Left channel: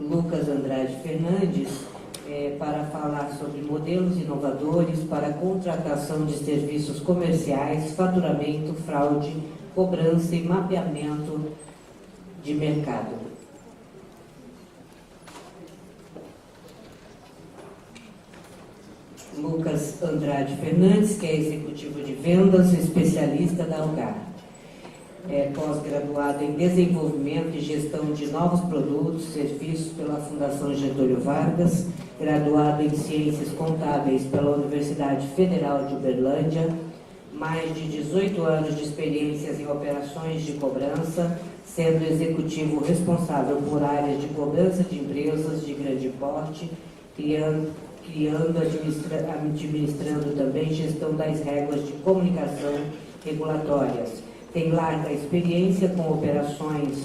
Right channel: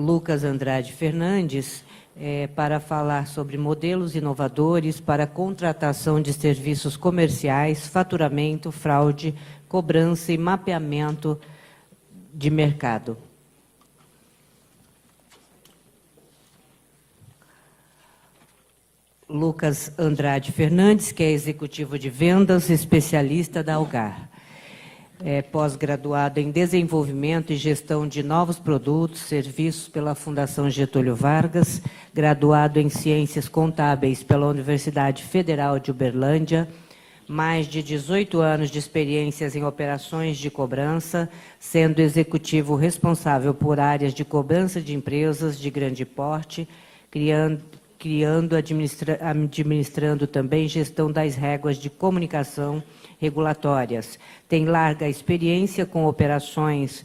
Lucas Andrade Fernandes para falar sobre modelos inovadores para contratação de serviços comerciais, faturamento, fraude, cobrança e mapeamento de mercado. Lucas Andrade Fernandes, que é executivo de vendas, especialista da Algar. É pós-graduado em desenvolvimento e gestão de novos produtos, serviços pela Fundação Getúlio Vargas, graduado em ciências contábeis pela Universidade Federal de Uberlândia, mais de 18 anos de experiências em operações de cobrança, sendo executivo responsável por áreas de cobrança de empresas de grande porte, administrando também gestão das regras de comunicação regulatórias. Tem larga experiência com operações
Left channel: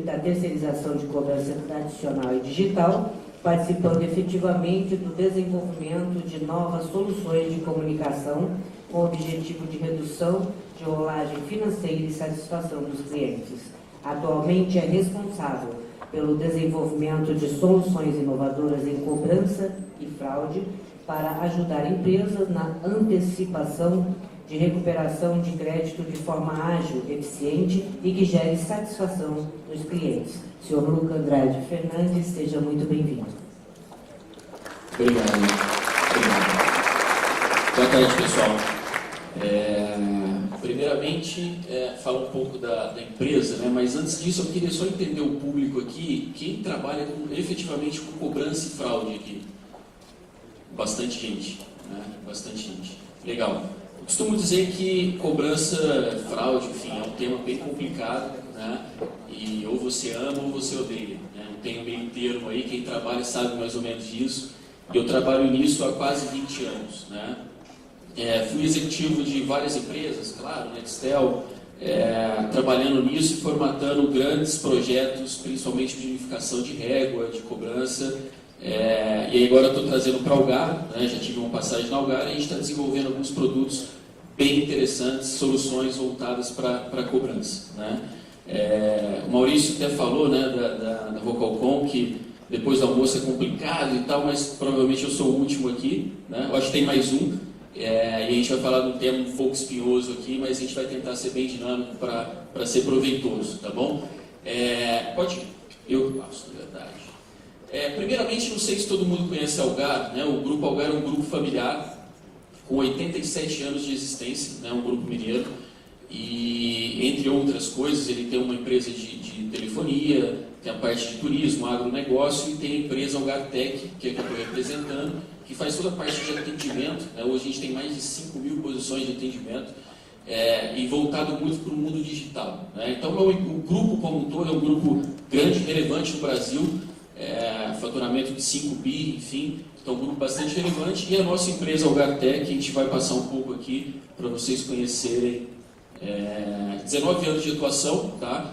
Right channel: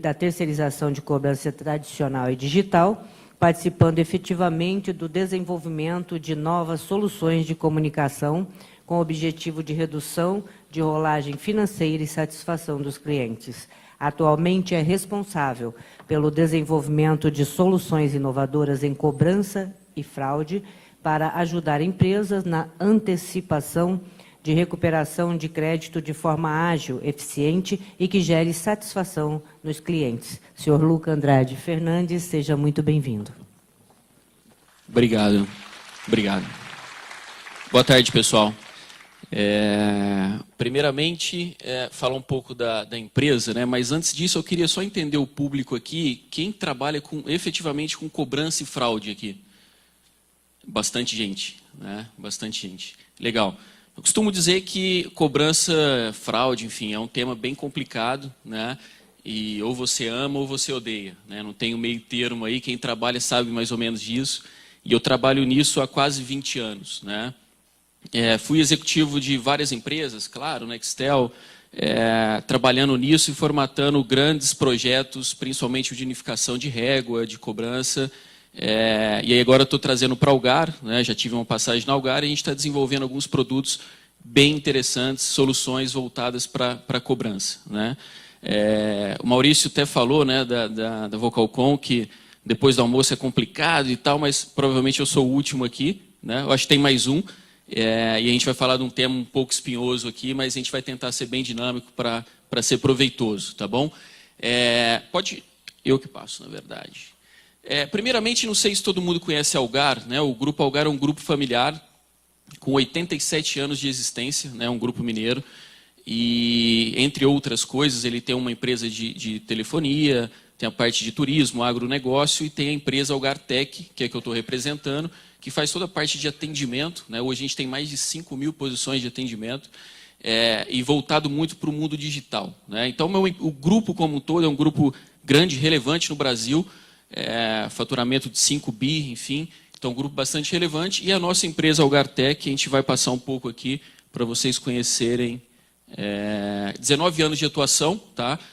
da terceirização de cobrança tradicional e digital, participando efetivamente do desenvolvimento de novas soluções de comunicação com o objetivo de redução de rolagem financeira e satisfação dos clientes. Atualmente é responsável pelo desenvolvimento de soluções inovadoras em cobrança e fraude para ajudar empresas na antecipação de recuperação de crédito de forma ágil, eficiente e que gere satisfação nos clientes. Senhor Lucas Andrade Fernandes, seja muito bem-vindo. Obrigado. Boa tarde, pessoal. Primeiramente, falar um pouco da empresa, né? Mas antes disso eu queria só entender o público aqui, quem trabalha efetivamente com cobrança e fraude aqui. Bastante gente, né? Bastante gente. Legal. Eu costumo dizer que cobrança, fraude, enfim, é um tema bem complicado, né? E ou você ama ou você odeia, né? Não tem um meio termo aí, quem trabalha sabe mais ou menos disso. E eu trabalho nisso há quase 20 anos, né? Fui executivo de várias empresas, claro, Nextel, trabalhando nisso e formatando grandes projetos, principalmente de unificação de régua, de cobrança. E aí agora eu estou trazendo para a Algar, né? Já tive uma passagem na Algar e a gente está desenvolvendo alguns produtos bem interessantes, soluções voltadas para a cobrança, né? O Maurício até falou, né, da Vocalcom, que depois do almoço é complicado e tal, mas provavelmente eu sou o último aqui, né? Eu acho que tem mais um. E a gente vai falar de um tema um pouco espinhoso aqui, mas a gente vai tentar ser bem dinâmico para ser proveitoso, tá bom? Eu que passo, na verdade. Primeiramente, não sei se todo mundo conhece a Algar, né? O Grupo Algar é um grupo familiar com 87 anos de existência, né? Um grupo mineiro. E, entre outras coisas, ele tem uma empresa de telefonia, tem a parte de turismo, agronegócio e tem a empresa Algartec, que é a que eu estou representando, que faz toda a parte de atendimento, né? Hoje a gente tem mais de 5.000 posições de atendimento e voltado muito para o mundo digital, né? Então, o grupo como um todo é um grupo grande, relevante no Brasil, faturamento de 5 bi, enfim, então um grupo bastante relevante. E a nossa empresa Algartec, a gente vai passar um pouco aqui para vocês conhecerem. 19 anos de atuação, tá?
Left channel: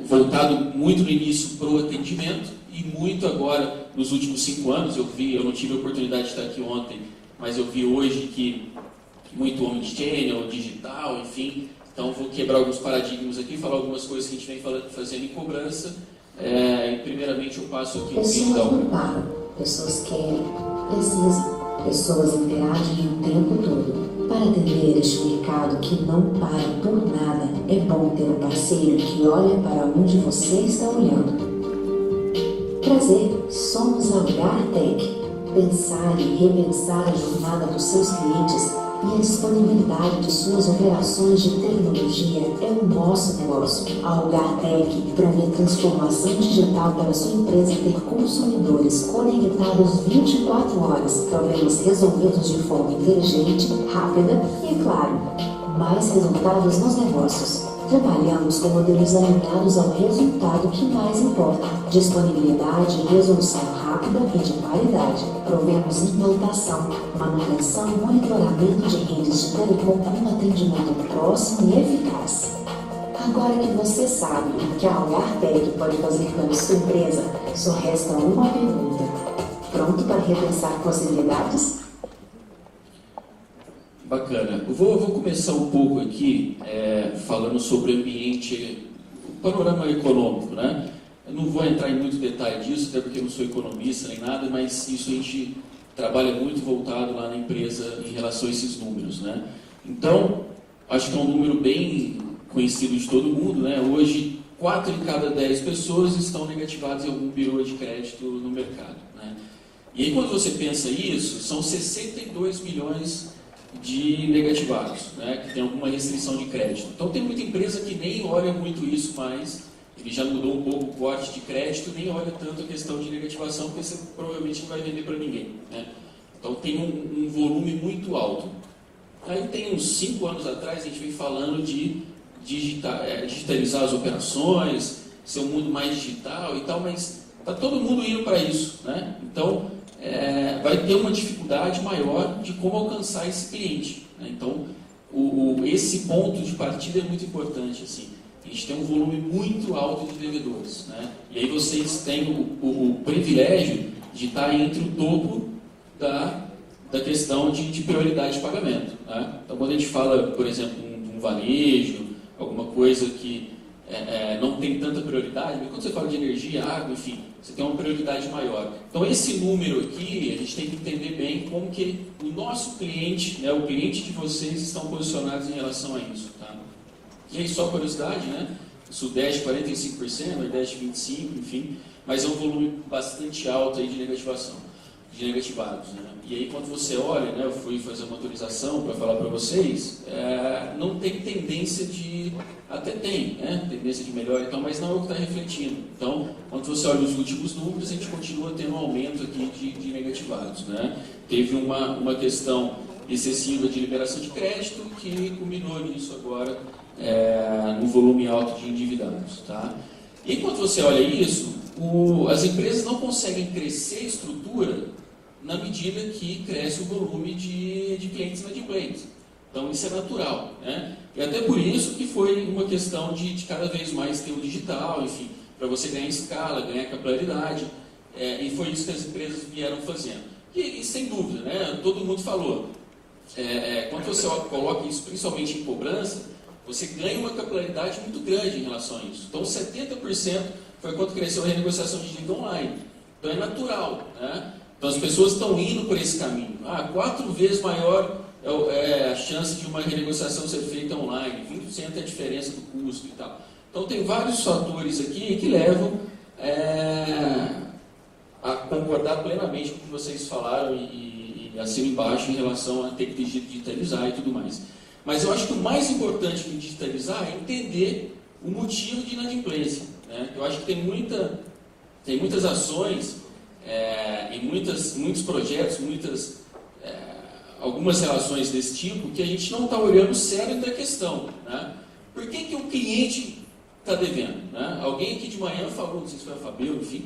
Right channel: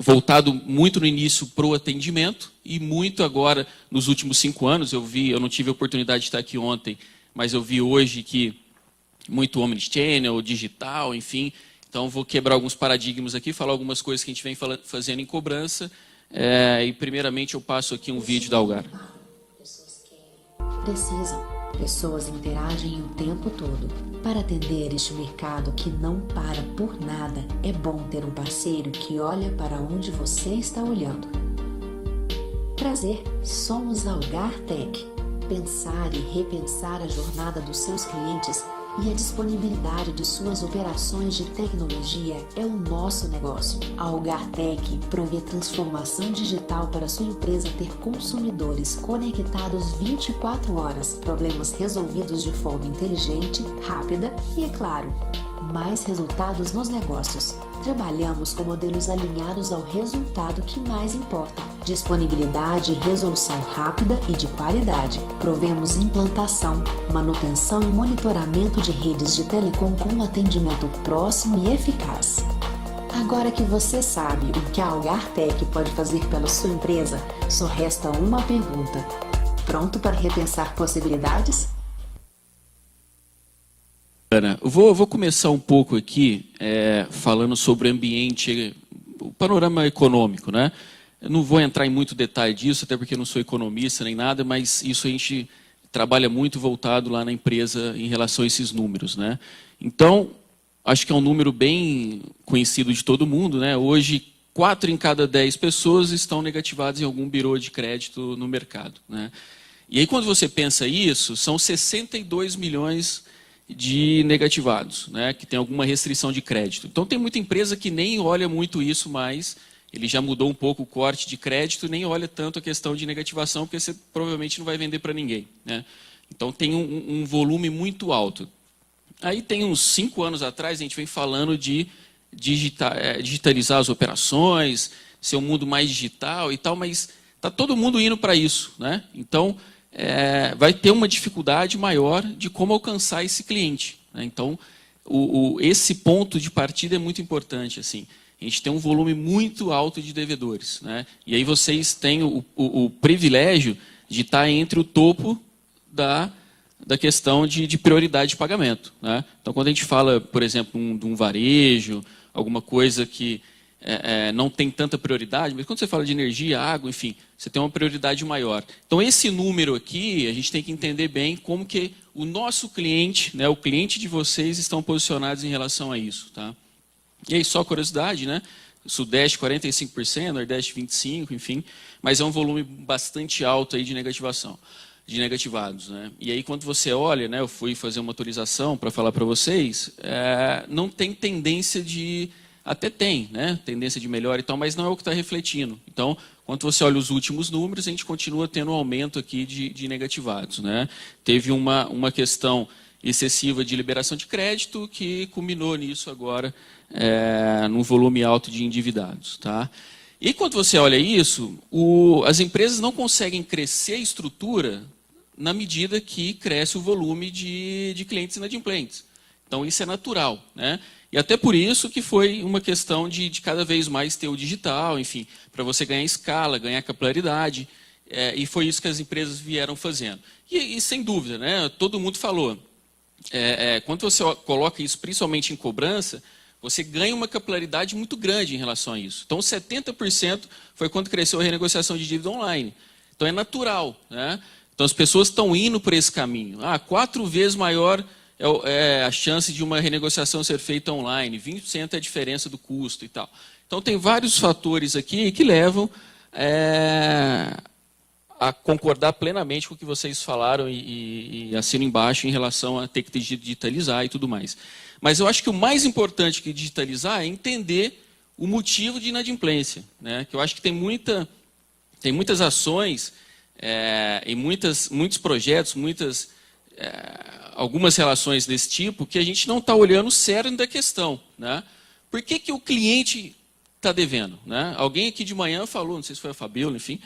Voltado muito no início para o atendimento e muito agora nos últimos 5 anos. Eu não tive a oportunidade de estar aqui ontem, mas eu vi hoje que muito omnichannel, digital, enfim. Então vou quebrar alguns paradigmas aqui, falar algumas coisas que a gente vem fazendo em cobrança. E primeiramente eu passo aqui um vídeo da Algar. Pessoas querem, precisam, pessoas interagem o tempo todo. Para atender este mercado que não para por nada, é bom ter um parceiro que olha para onde você está olhando. Prazer, somos a Algartec. Pensar e repensar a jornada dos seus clientes e a disponibilidade de suas operações de tecnologia é o nosso negócio. A Algartec promete transformação digital para sua empresa ter consumidores conectados 24 horas, problemas resolvidos de forma inteligente, rápida e, claro, mais resultados nos negócios. Trabalhamos com modelos alinhados ao resultado que mais importa: disponibilidade e resolução rápida e de qualidade. Provemos implantação, manutenção e monitoramento de redes de telecom com atendimento próximo e eficaz. Agora que você sabe o que a Algartec pode fazer pela sua empresa, só resta uma pergunta: pronto para repensar possibilidades? Bacana. Eu vou começar um pouco aqui falando sobre o ambiente, o panorama econômico, né? Eu não vou entrar em muito detalhe disso, até porque eu não sou economista nem nada, mas isso a gente trabalha muito voltado lá na empresa em relação a esses números, né? Então, acho que é um número bem conhecido de todo mundo, né? Hoje, 4 em cada 10 pessoas estão negativadas em algum birô de crédito no mercado, né? E aí, quando você pensa isso, são 62 milhões de negativados, né? Que tem alguma restrição de crédito. Então, tem muita empresa que nem olha muito isso mais. Ele já mudou um pouco o corte de crédito e nem olha tanto a questão de negativação, porque você provavelmente não vai vender para ninguém, né? Então, tem um volume muito alto. Aí, tem uns 5 anos atrás, a gente vem falando de digitalizar as operações, ser um mundo mais digital e tal, mas está todo mundo indo para isso, né? Então, vai ter uma dificuldade maior de como alcançar esse cliente, né? Então, esse ponto de partida é muito importante, assim. A gente tem um volume muito alto de devedores, né? E aí vocês têm o privilégio de estar entre o topo da questão de prioridade de pagamento, né? Então, quando a gente fala, por exemplo, de um varejo, alguma coisa que não tem tanta prioridade, mas quando você fala de energia, água, enfim, você tem uma prioridade maior. Então, esse número aqui, a gente tem que entender bem como que o nosso cliente, né, o cliente de vocês, estão posicionados em relação a isso, tá? E aí, só curiosidade, né? Sudeste 45%, Nordeste 25%, enfim, mas é um volume bastante alto aí de negativados, né? E aí, quando você olha, né, eu fui fazer uma atualização para falar para vocês, não tem tendência de... Até tem, né? Tendência de melhora e tal, mas não é o que está refletindo. Então, quando você olha os últimos números, a gente continua tendo um aumento aqui de negativados, né? Teve uma questão excessiva de liberação de crédito que culminou nisso agora, num volume alto de endividados, tá? E quando você olha isso, as empresas não conseguem crescer a estrutura na medida que cresce o volume de clientes inadimplentes. Então, isso é natural, né? E até por isso que foi uma questão de cada vez mais ter o digital, enfim, para você ganhar escala, ganhar capilaridade, e foi isso que as empresas vieram fazendo. E sem dúvida, né? Todo mundo falou, quando você coloca isso principalmente em cobrança, você ganha uma capilaridade muito grande em relação a isso. Então, 70% foi quando cresceu a renegociação de dívida online. Então, é natural, né? Então, as pessoas estão indo por esse caminho. 4 vezes maior é a chance de uma renegociação ser feita online, 20% é a diferença do custo e tal. Então, tem vários fatores aqui que levam a concordar plenamente com o que vocês falaram e assino embaixo em relação a ter que digitalizar e tudo mais. Mas eu acho que o mais importante que digitalizar é entender o motivo de inadimplência, né? Que eu acho que tem muitas ações e muitos projetos, algumas relações desse tipo que a gente não está olhando o cerne da questão, né? Por que o cliente está devendo, né? Alguém aqui de manhã falou, não sei se foi a Fabiola, enfim,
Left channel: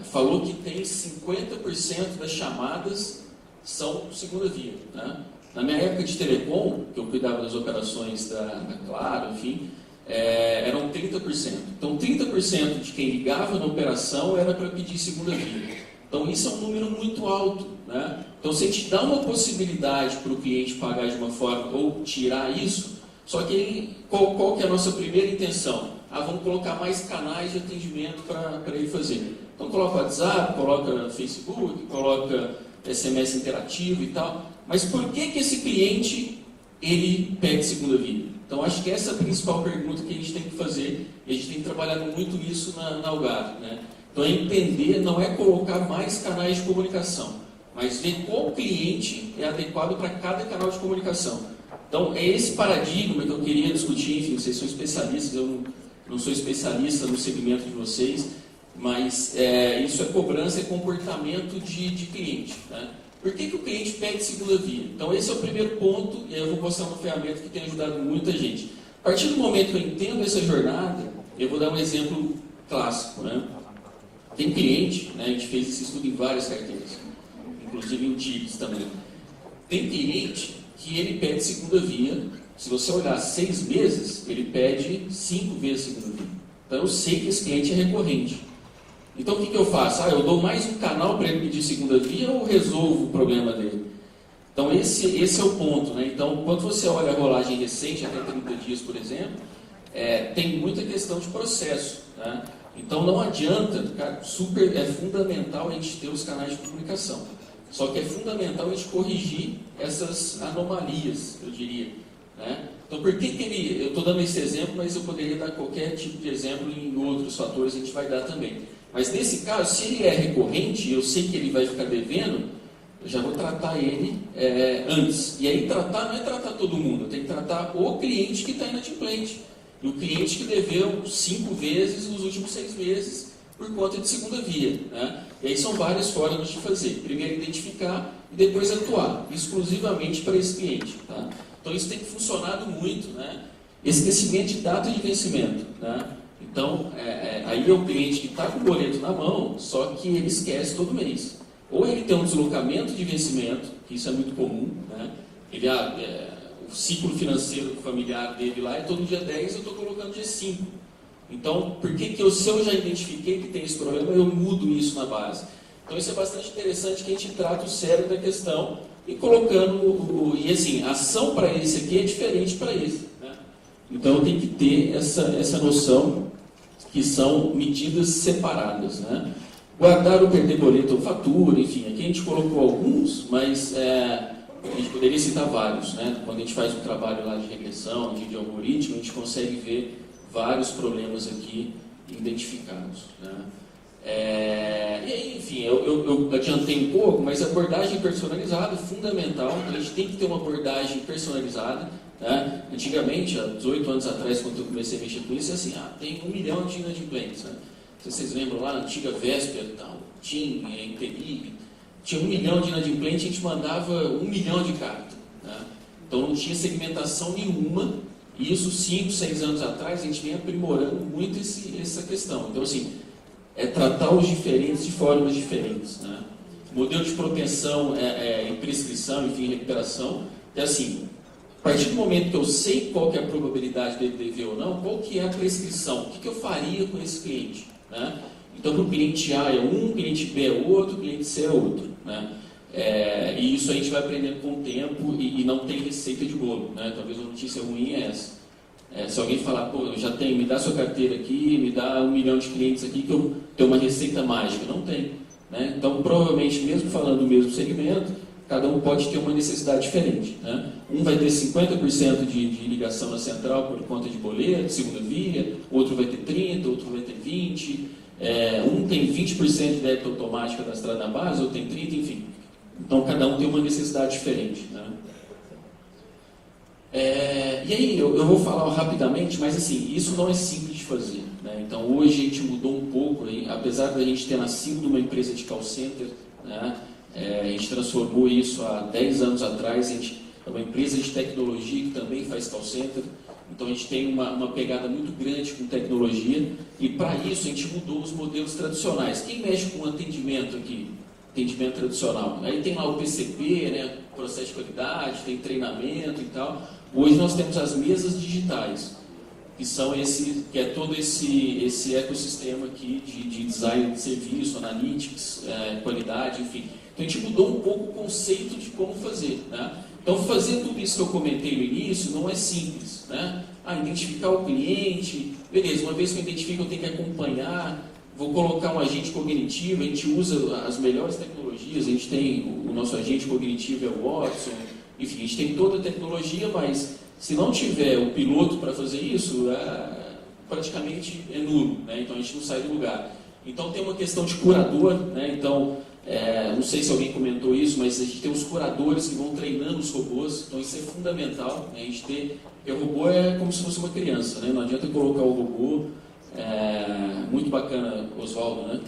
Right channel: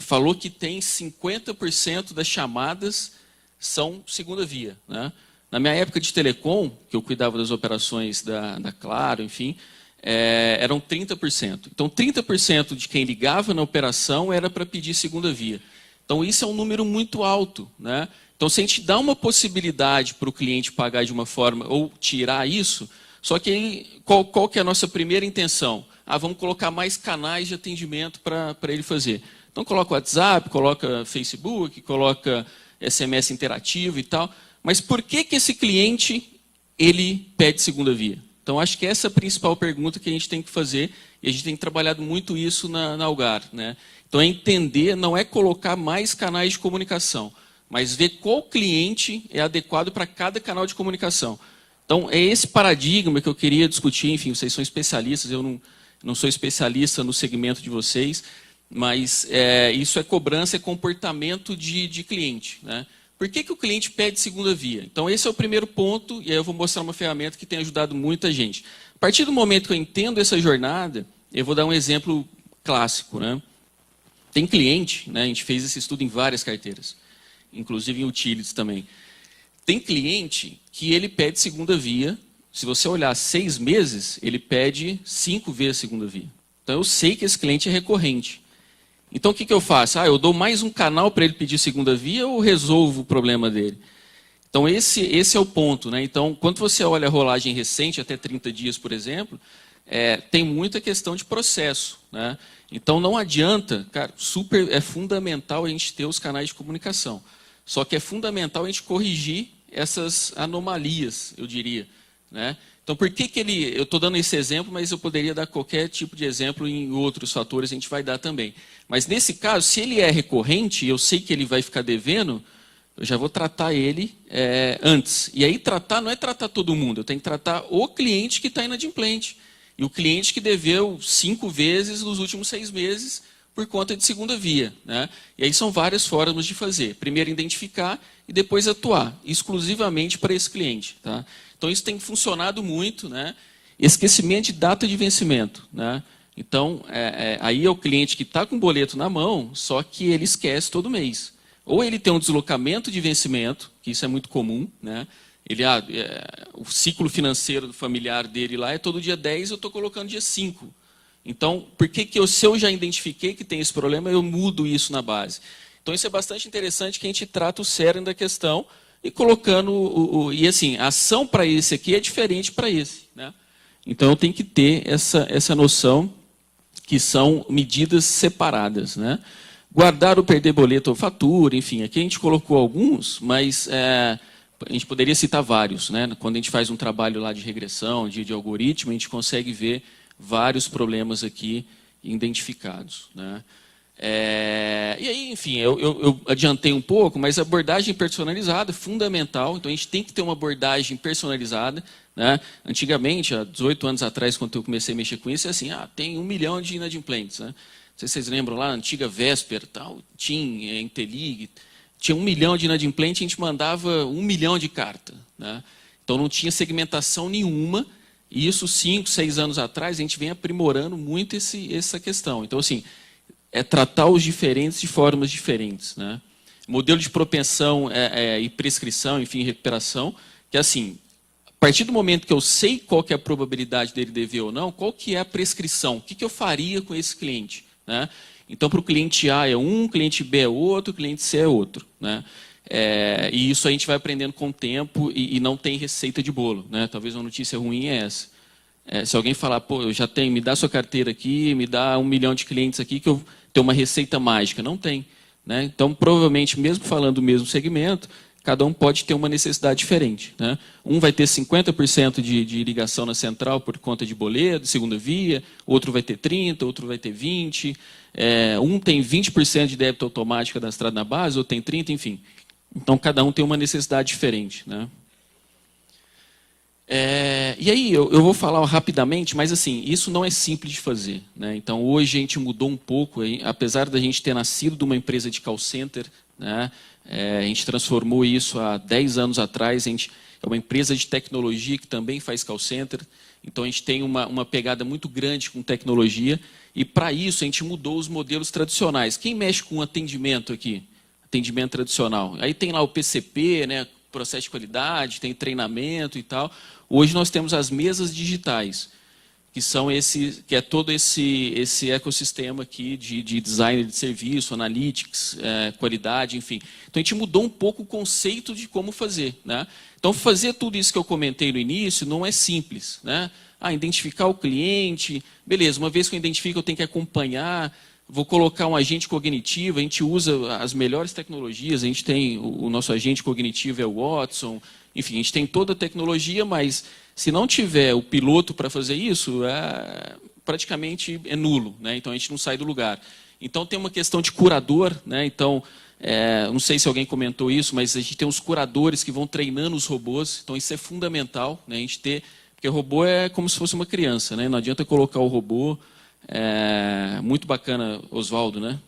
falou que tem 50% das chamadas são segunda via, né? Na minha época de telecom, que eu cuidava das operações da Claro, enfim, eram 30%. Então, 30% de quem ligava na operação era para pedir segunda via. Então, isso é um número muito alto, né? Então, se a gente dá uma possibilidade para o cliente pagar de uma forma ou tirar isso, só que aí, qual que é a nossa primeira intenção? Vamos colocar mais canais de atendimento para ele fazer. Então, coloca WhatsApp, coloca Facebook, coloca SMS interativo e tal. Mas por que esse cliente ele pede segunda via? Então, acho que essa é a principal pergunta que a gente tem que fazer, e a gente tem trabalhado muito isso na Algar, né? Então, entender, não é colocar mais canais de comunicação, mas ver qual cliente é adequado para cada canal de comunicação. Então, é esse paradigma que eu queria discutir. Enfim, vocês são especialistas, eu não sou especialista no segmento de vocês, mas isso é cobrança, é comportamento de cliente, né? Por que o cliente pede segunda via? Então, esse é o primeiro ponto, e aí eu vou mostrar uma ferramenta que tem ajudado muita gente. A partir do momento que eu entendo essa jornada, eu vou dar um exemplo clássico, né? Tem cliente, né? A gente fez esse estudo em várias carteiras, inclusive em utilities também. Tem cliente que ele pede segunda via, se você olhar 6 meses, ele pede 5 vezes segunda via. Então, eu sei que esse cliente é recorrente. Então, o que eu faço? Eu dou mais um canal para ele pedir segunda via ou resolvo o problema dele? Então, esse é o ponto, né? Então, quando você olha a rolagem recente, até 30 dias, por exemplo, tem muita questão de processo, né? Então não adianta, cara, é fundamental a gente ter os canais de comunicação. Só que é fundamental a gente corrigir essas anomalias, eu diria, né? Então por que eu estou dando esse exemplo, mas eu poderia dar qualquer tipo de exemplo em outros fatores, a gente vai dar também. Mas nesse caso, se ele é recorrente e eu sei que ele vai ficar devendo, eu já vou tratar ele antes. E aí tratar não é tratar todo mundo, eu tenho que tratar o cliente que está inadimplente. E o cliente que deveu 5 vezes nos últimos 6 meses por conta de segunda via, né? E aí são várias formas de fazer. Primeiro identificar e depois atuar exclusivamente para esse cliente, tá? Então isso tem funcionado muito, né? Esquecimento de data de vencimento, né? Então aí é o cliente que está com o boleto na mão, só que ele esquece todo mês. Ou ele tem um deslocamento de vencimento, que isso é muito comum, né? O ciclo financeiro familiar dele lá é todo dia 10, eu estou colocando dia 5. Então, por que se eu já identifiquei que tem esse problema, eu mudo isso na base? Então, isso é bastante interessante que a gente trata o cerne da questão e colocando e assim, a ação para esse aqui é diferente para esse, né? Então, tem que ter essa noção que são medidas separadas, né? Guardar ou perder boleto ou fatura, enfim, aqui a gente colocou alguns, mas a gente poderia citar vários, né? Quando a gente faz um trabalho lá de regressão, de algoritmo, a gente consegue ver vários problemas aqui identificados, né? E aí, enfim, eu adiantei um pouco, mas a abordagem personalizada é fundamental, então a gente tem que ter uma abordagem personalizada, né? Antigamente, há 18 anos atrás, quando eu comecei a mexer com isso, é assim, tem 1 milhão de inadimplentes, né? Não sei se vocês lembram lá, a antiga Vesper, tal, TIM, Intelig, tinha 1 milhão de inadimplentes, a gente mandava 1 milhão de cartas, né? Então não tinha segmentação nenhuma, e isso 5, 6 anos atrás a gente vem aprimorando muito essa questão. Então assim, tratar os diferentes de formas diferentes, né? Modelo de propensão e prescrição, enfim, recuperação, que assim, a partir do momento que eu sei qual que é a probabilidade dele dever ou não, qual que é a prescrição, o que eu faria com esse cliente, né? Então, para o cliente A é um, cliente B é outro, cliente C é outro, né? E isso a gente vai aprendendo com o tempo e não tem receita de bolo, né? Talvez uma notícia ruim é essa. Se alguém falar, pô, eu já tenho, me dá sua carteira aqui, me dá 1 milhão de clientes aqui que eu tenho uma receita mágica. Não tem, né? Então, provavelmente, mesmo falando do mesmo segmento, cada um pode ter uma necessidade diferente, né? Um vai ter 50% de ligação na central por conta de boleto, segunda via, outro vai ter 30%, outro vai ter 20%, um tem 20% de débito automático cadastrado na base, outro tem 30%, enfim. Então, cada um tem uma necessidade diferente, né? E aí, eu vou falar rapidamente, mas assim, isso não é simples de fazer, né? Então, hoje a gente mudou um pouco, apesar da gente ter nascido de uma empresa de call center, né? A gente transformou isso há 10 anos atrás, a gente é uma empresa de tecnologia que também faz call center, então a gente tem uma pegada muito grande com tecnologia, e para isso a gente mudou os modelos tradicionais. Quem mexe com atendimento aqui? Atendimento tradicional. Aí tem lá o PCP, né? Processo de qualidade, tem treinamento e tal. Hoje nós temos as mesas digitais, que é todo esse ecossistema aqui de design de serviço, analytics, qualidade, enfim. Então a gente mudou um pouco o conceito de como fazer, né? Então fazer tudo isso que eu comentei no início não é simples, né? Identificar o cliente, beleza, uma vez que eu identifico eu tenho que acompanhar, vou colocar um agente cognitivo, a gente usa as melhores tecnologias, a gente tem o nosso agente cognitivo é o Watson, enfim, a gente tem toda a tecnologia, mas se não tiver o piloto para fazer isso, praticamente é nulo, né? Então a gente não sai do lugar. Então tem uma questão de curador, né? Então, não sei se alguém comentou isso, mas a gente tem os curadores que vão treinando os robôs, então isso é fundamental, né? A gente ter, porque o robô é como se fosse uma criança, né? Não adianta colocar o robô, muito bacana, Oswaldo, né?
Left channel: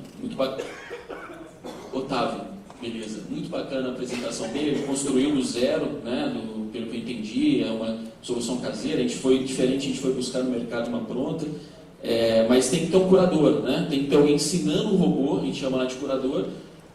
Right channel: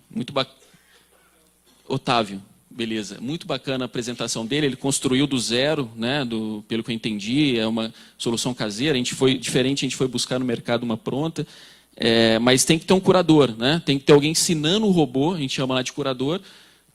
Otávio, beleza, muito bacana a apresentação dele, ele construiu do zero, né? Pelo que eu entendi, é uma solução caseira, a gente foi buscar no mercado uma pronta, mas tem que ter um curador, né? Tem que ter alguém ensinando o robô, a gente chama lá de curador,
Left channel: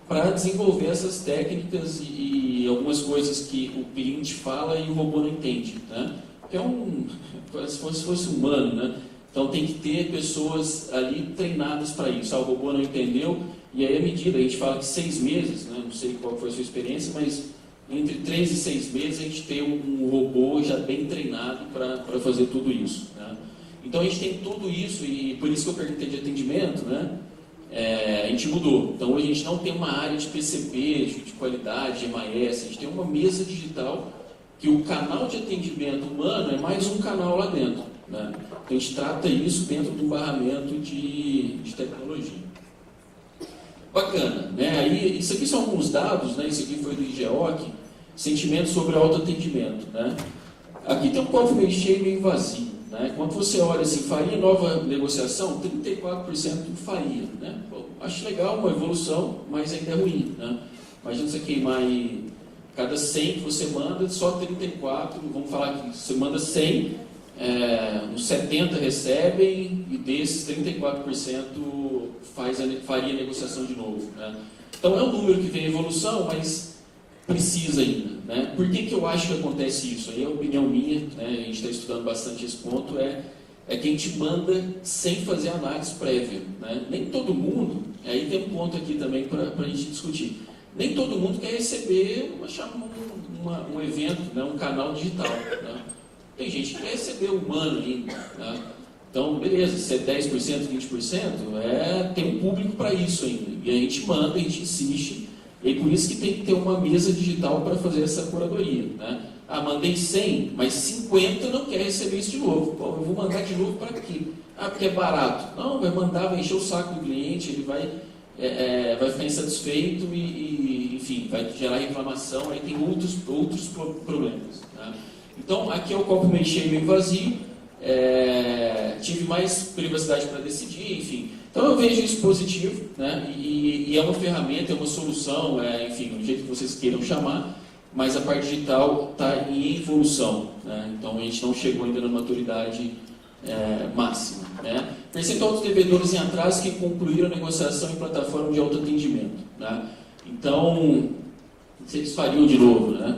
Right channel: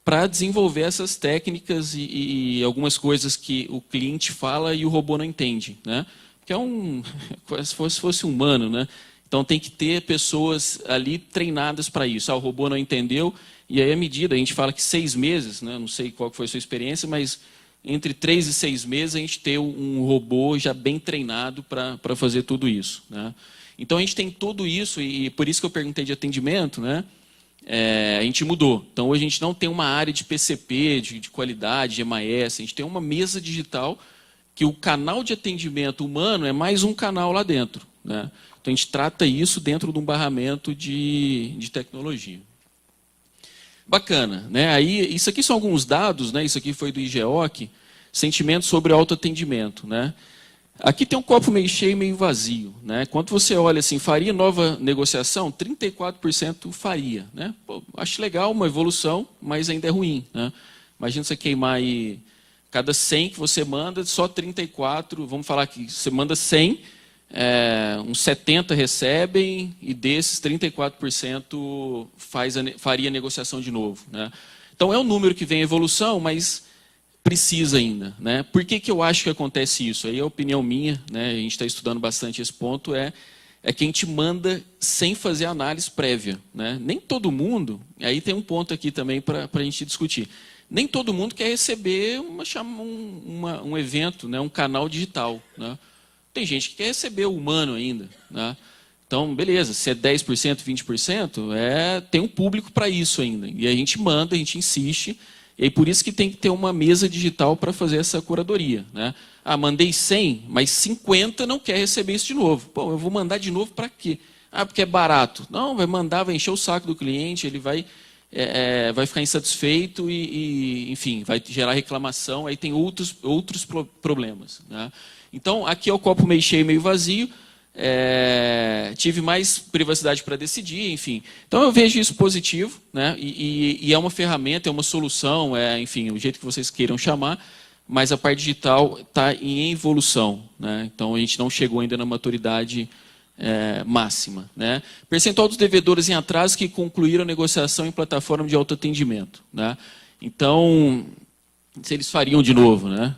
para desenvolver essas técnicas e algumas coisas que o cliente fala e o robô não entende, né? Que é se fosse humano, né? Então tem que ter pessoas ali treinadas para isso. O robô não entendeu, e aí a medida, a gente fala que 6 meses, né? Não sei qual foi a sua experiência, mas entre 3 e 6 meses a gente tem um robô já bem treinado para fazer tudo isso, né? Então a gente tem tudo isso, e por isso que eu perguntei de atendimento, né? A gente mudou. Então hoje a gente não tem uma área de PCP, de qualidade, de MAS, a gente tem uma mesa digital que o canal de atendimento humano é mais um canal lá dentro, né? Então a gente trata isso dentro de um barramento de tecnologia. Bacana, né? Aí, isso aqui são alguns dados, né? Isso aqui foi do IGEOC, sentimento sobre autoatendimento, né? Aqui tem um copo meio cheio, meio vazio, né? Quando você olha assim, faria nova negociação? 34% faria, né? Pô, acho legal, uma evolução, mas ainda é ruim, né? Imagina você queimar aí, cada 100 que você manda, só 34, vamos falar que você manda 100, uns 70 recebem e desses 34% faria negociação de novo, né? Então é um número que vem em evolução, mas precisa ainda, né? Por que eu acho que acontece isso? Aí é a opinião minha, né? A gente está estudando bastante esse ponto, é que a gente manda sem fazer análise prévia, né? Nem todo mundo, e aí tem um ponto aqui também para a gente discutir, nem todo mundo quer receber um evento, né? Um canal digital, né? Tem gente que quer receber humano ainda, né? Então, beleza, se é 10%, 20%, tem um público para isso ainda. E a gente manda, a gente insiste, e por isso que tem que ter uma mesa digital para fazer essa curadoria, né? Ah, mandei 100, mas 50 não quer receber isso de novo. Pô, eu vou mandar de novo para quê? Ah, porque é barato. Não, vai mandar, vai encher o saco do cliente, ele vai ficar insatisfeito e, enfim, vai gerar reclamação, aí tem outros problemas, né? Então, aqui é o copo meio cheio, meio vazio, tive mais privacidade para decidir, enfim. Então, eu vejo isso positivo, né? E é uma ferramenta, é uma solução, enfim, o jeito que vocês queiram chamar, mas a parte digital está em evolução, né? Então, a gente não chegou ainda na maturidade máxima, né? Percentual dos devedores em atraso que concluíram a negociação em plataforma de autoatendimento, né? Então, se eles fariam de novo, né?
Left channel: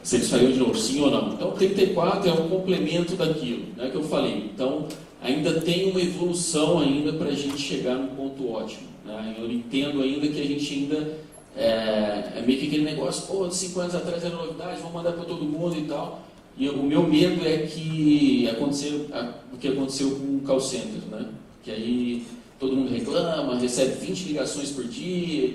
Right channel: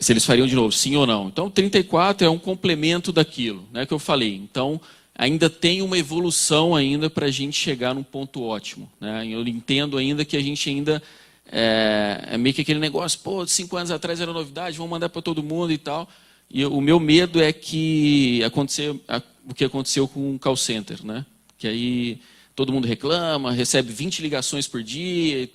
Se eles fariam de novo, sim ou não. Então, 34 é um complemento daquilo, né, que eu falei. Então, ainda tem uma evolução ainda para a gente chegar num ponto ótimo, né? Eu entendo ainda que a gente ainda é meio que aquele negócio, pô, 5 anos atrás era novidade, vamos mandar para todo mundo e tal. E o meu medo é que o que aconteceu com o call center, né? Que aí todo mundo reclama, recebe 20 ligações por dia,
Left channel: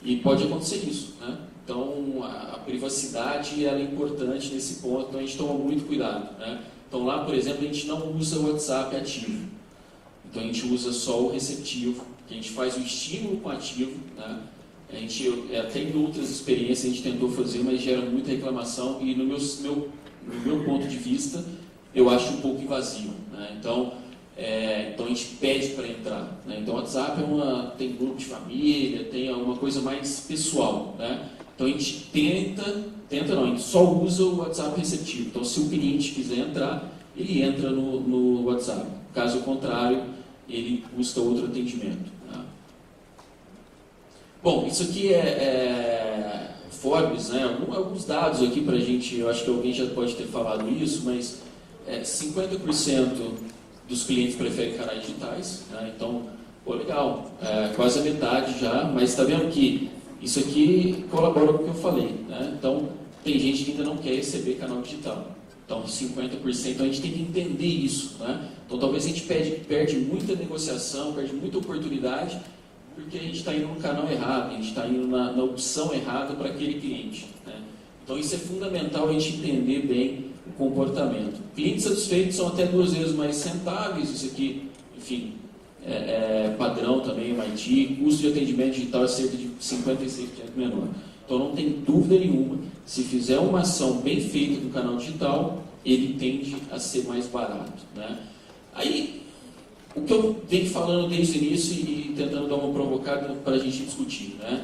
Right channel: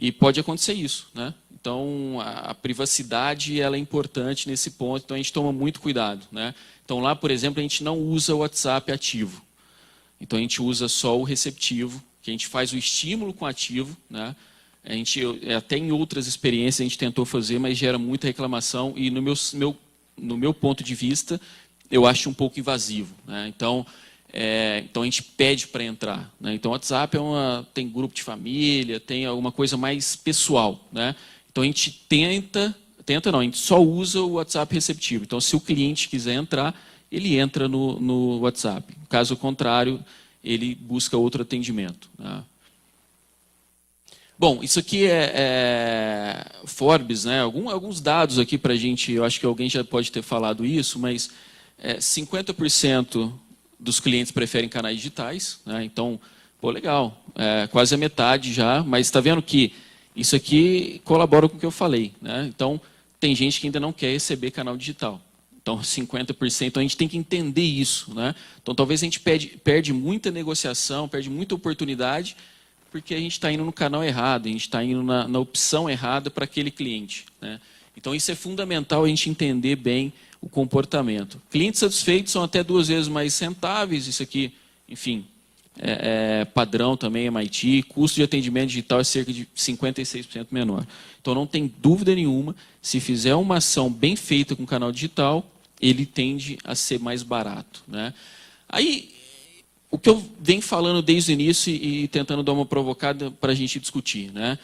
e pode acontecer isso, né? Então, a privacidade ela é importante nesse ponto, então a gente toma muito cuidado, né? Então, lá, por exemplo, a gente não usa o WhatsApp ativo. Então, a gente usa só o receptivo, que a gente faz o estímulo com ativo, né? Até em outras experiências a gente tentou fazer, mas gera muita reclamação e, no meu ponto de vista, eu acho um pouco invasivo, né? Então a gente pede para entrar, né? Então, o WhatsApp tem grupo de família, tem uma coisa mais pessoal, né? Então, a gente a gente só usa o WhatsApp receptivo. Então, se o cliente quiser entrar, ele entra no WhatsApp. Caso contrário, ele busca outro atendimento, né? Bom, isso aqui é Forbes, né? Alguns dados aqui para a gente, eu acho que alguém já pode ter falado isso, mas 50% dos clientes preferem canais digitais, né? Então, pô, legal, quase a metade já, mas está vendo que isso aqui colabora com o que eu falei, né? Então, tem gente que ainda não quer receber canal digital. Então, 50%, a gente tem que entender isso, né? Então, talvez a gente perde muita negociação, perde muita oportunidade, porque a gente está indo no canal errado, a gente está indo na opção errada para aquele cliente, né? Então, isso é fundamental a gente entender bem o comportamento. Clientes satisfeitos são até 2 vezes mais rentáveis, isso aqui, enfim, padrão também, MIT, custo de atendimento digital é cerca de 56% menor. Então, não tem dúvida nenhuma, se fizer uma ação bem feita com o canal digital, ele tende a ser mais barato, né? Aí, o que eu venho falando desde o início e tentando dar uma provocada para a gente discutir, né?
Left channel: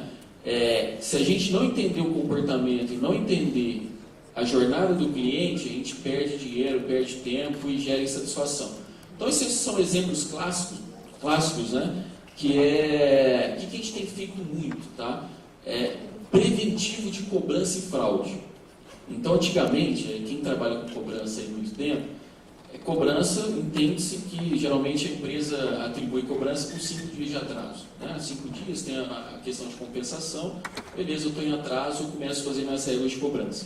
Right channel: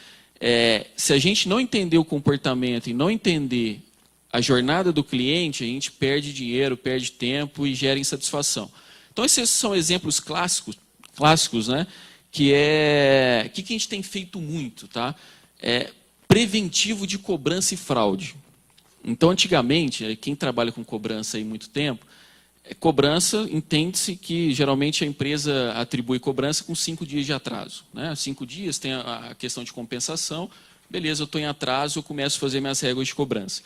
Se a gente não entender o comportamento e não entender a jornada do cliente, a gente perde dinheiro, perde tempo e gera insatisfação. Então, esses são exemplos clássicos, né? Que a gente tem feito muito, tá? Preventivo de cobrança e fraude. Então, antigamente, quem trabalha com cobrança há muito tempo, cobrança, entende-se que geralmente a empresa atribui cobrança com 5 dias de atraso, né? 5 dias tem a questão de compensação, beleza, eu estou em atraso, eu começo a fazer minhas regras de cobrança.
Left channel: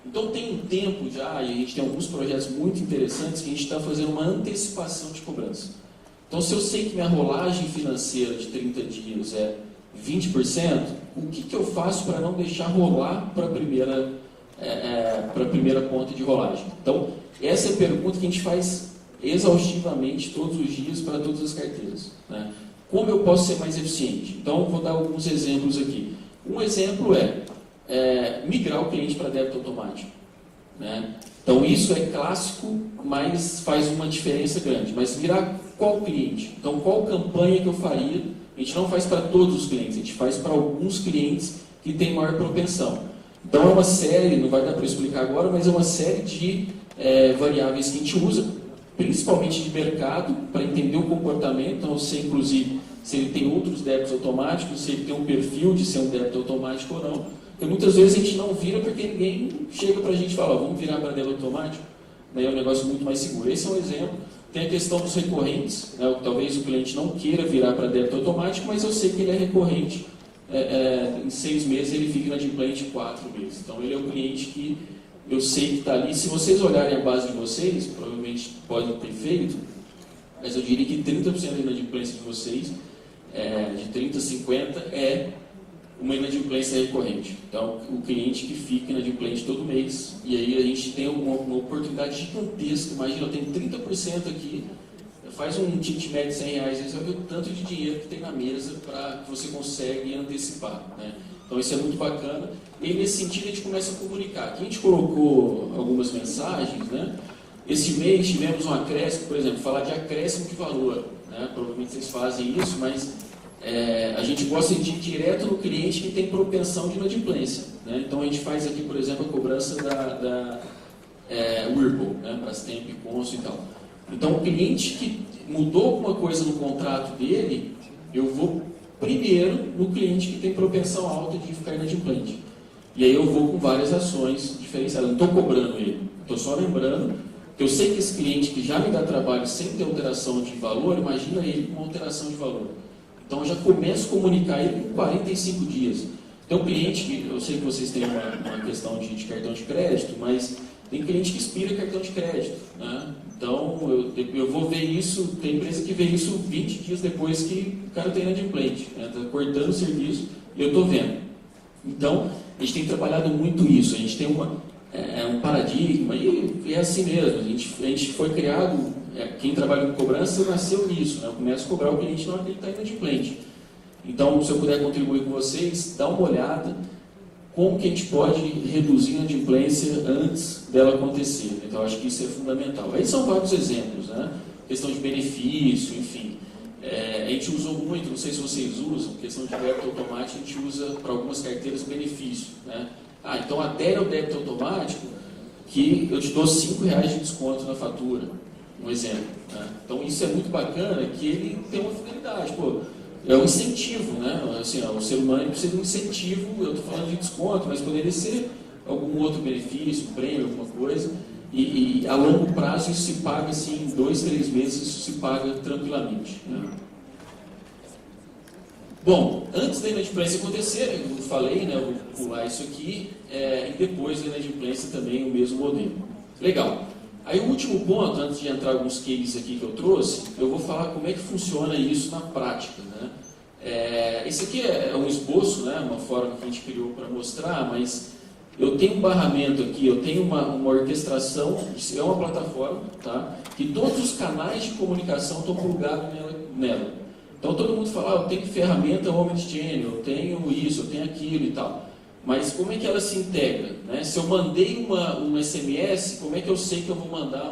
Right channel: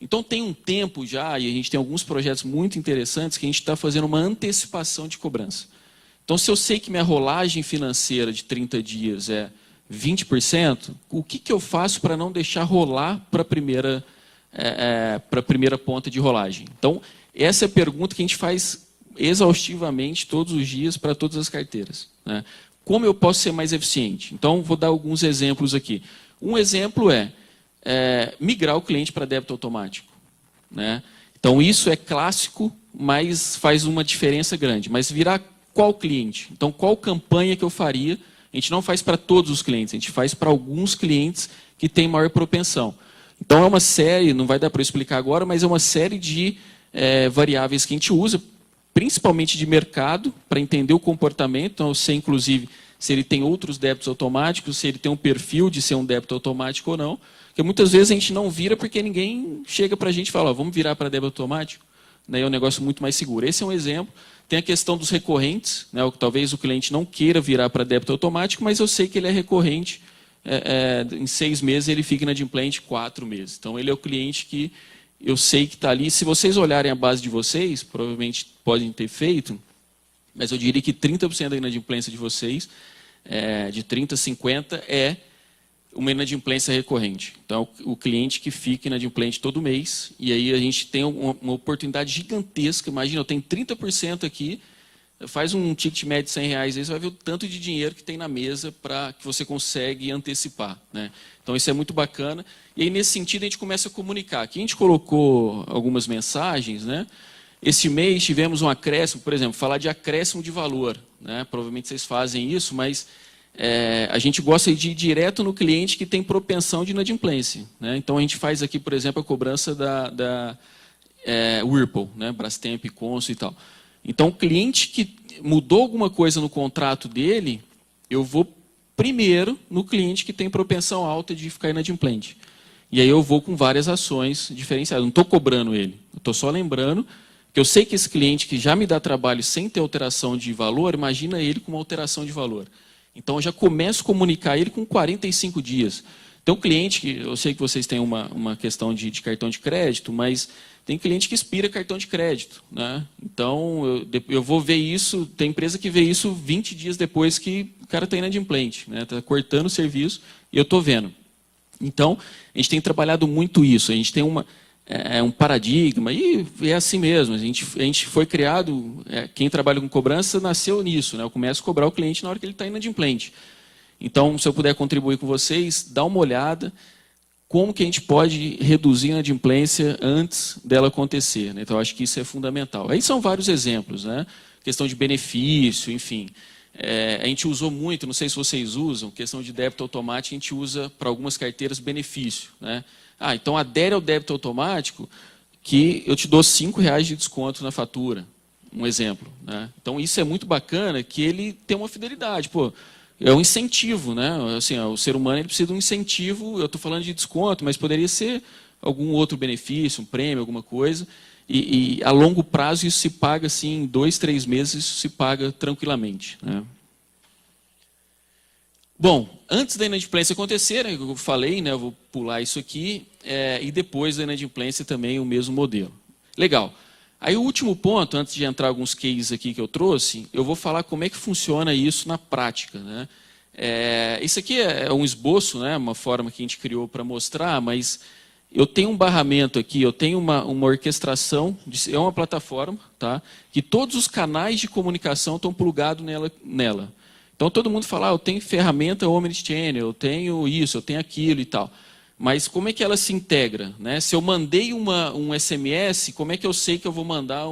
Então tem um tempo já, e a gente tem alguns projetos muito interessantes que a gente está fazendo uma antecipação de cobrança. Então se eu sei que minha rolagem financeira de 30 dias é 20%, o que eu faço para não deixar rolar para a primeira ponta de rolagem? Então essa é a pergunta que a gente faz exaustivamente todos os dias para todas as carteiras, né? Como eu posso ser mais eficiente? Então vou dar alguns exemplos aqui. Um exemplo é migrar o cliente para débito automático, né? Então isso é clássico, mas faz uma diferença grande. Mas virar qual cliente? Então qual campanha que eu faria? A gente não faz para todos os clientes, a gente faz para alguns clientes que têm maior propensão. Então é uma série, não vai dar para explicar agora, mas é uma série de variáveis que a gente usa, principalmente de mercado, para entender o comportamento. Então eu sei inclusive se ele tem outros débitos automáticos, se ele tem um perfil de ser um débito automático ou não. Porque muitas vezes a gente não vira porque ninguém chega para a gente e fala, vamos virar para débito automático. Daí é um negócio muito mais seguro. Esse é um exemplo. Tem a questão dos recorrentes, né? Talvez o cliente não queira virar para débito automático, mas eu sei que ele é recorrente. Em 6 meses ele fica inadimplente 4 meses. Então ele é o cliente que eu sei que está ali. Se vocês olharem a base de vocês, provavelmente podem ter feito, mas eu diria que 30% da inadimplência de vocês, de 30% a 50%, é uma inadimplência recorrente. Então, o cliente que fica inadimplente todo mês, e aí a gente tem uma oportunidade gigantesca. Imagina, eu tenho 30% aqui, faz um ticket médio de R$100, aí você vai ver o tanto de dinheiro que tem na mesa para que você consegue antecipar, né? Então, isso é muito bacana. E aí, nesse sentido, a gente começa a comunicar. Aqui a gente colocou algumas mensagens, né? Esse mês tivemos um acréscimo, por exemplo, falar de acréscimo de valor, né? Provavelmente vocês fazem isso, mas a gente gosta de ir direto no cliente que tem propensão de inadimplência, né? Então a gente faz aqui, por exemplo, a cobrança da Whirlpool, né? Brastemp, Consul e tal. Então o cliente que mudou alguma coisa no contrato dele, eu vou primeiro no cliente que tem propensão alta de ficar inadimplente. E aí eu vou com várias ações diferenciadas. Não estou cobrando ele, estou só lembrando que eu sei que esse cliente que já me dá trabalho sem ter alteração de valor, imagina ele com uma alteração de valor. Então, eu já começo a comunicar ele com 45 dias. Então, o cliente, eu sei que vocês têm uma questão de cartão de crédito, mas tem cliente que expira cartão de crédito, né? Então, eu vou ver isso, tem empresa que vê isso 20 dias depois que o cara está inadimplente, né? Está cortando o serviço e eu estou vendo. Então, a gente tem trabalhado muito isso, a gente tem um paradigma, e é assim mesmo, a gente foi criado, quem trabalha com cobrança nasceu nisso, né? Eu começo a cobrar o cliente na hora que ele está inadimplente. Então, se eu puder contribuir com vocês, dá uma olhada como que a gente pode reduzir a inadimplência antes dela acontecer, né? Então, acho que isso é fundamental. Aí são vários exemplos, né? Questão de benefício, enfim. A gente usou muito, não sei se vocês usam, questão de débito automático, a gente usa para algumas carteiras benefício, né? Então adere ao débito automático que eu te dou R$5 de desconto na fatura, um exemplo, né? Então isso é muito bacana, que ele tem uma fidelidade, pô, é um incentivo, né? Assim, o ser humano precisa de um incentivo, eu estou falando de desconto, mas poderia ser algum outro benefício, um prêmio, alguma coisa, e a longo prazo isso se paga assim, em 2, 3 meses isso se paga tranquilamente, né? Bom, antes da inadimplência acontecer, eu falei, né, eu vou pular isso aqui, e depois da inadimplência também o mesmo modelo. Legal. Aí o último ponto, antes de entrar alguns cases aqui que eu trouxe, eu vou falar como é que funciona isso na prática, né? Isso aqui é um esboço, né, uma forma que a gente criou para mostrar, mas eu tenho um barramento aqui, eu tenho uma orquestração, é uma plataforma, tá, que todos os canais de comunicação estão plugados nela. Então, todo mundo fala, eu tenho ferramenta Omnichannel, eu tenho isso, eu tenho aquilo e tal. Mas como é que ela se integra, né? Se eu mandei um SMS, como é que eu sei que eu vou mandar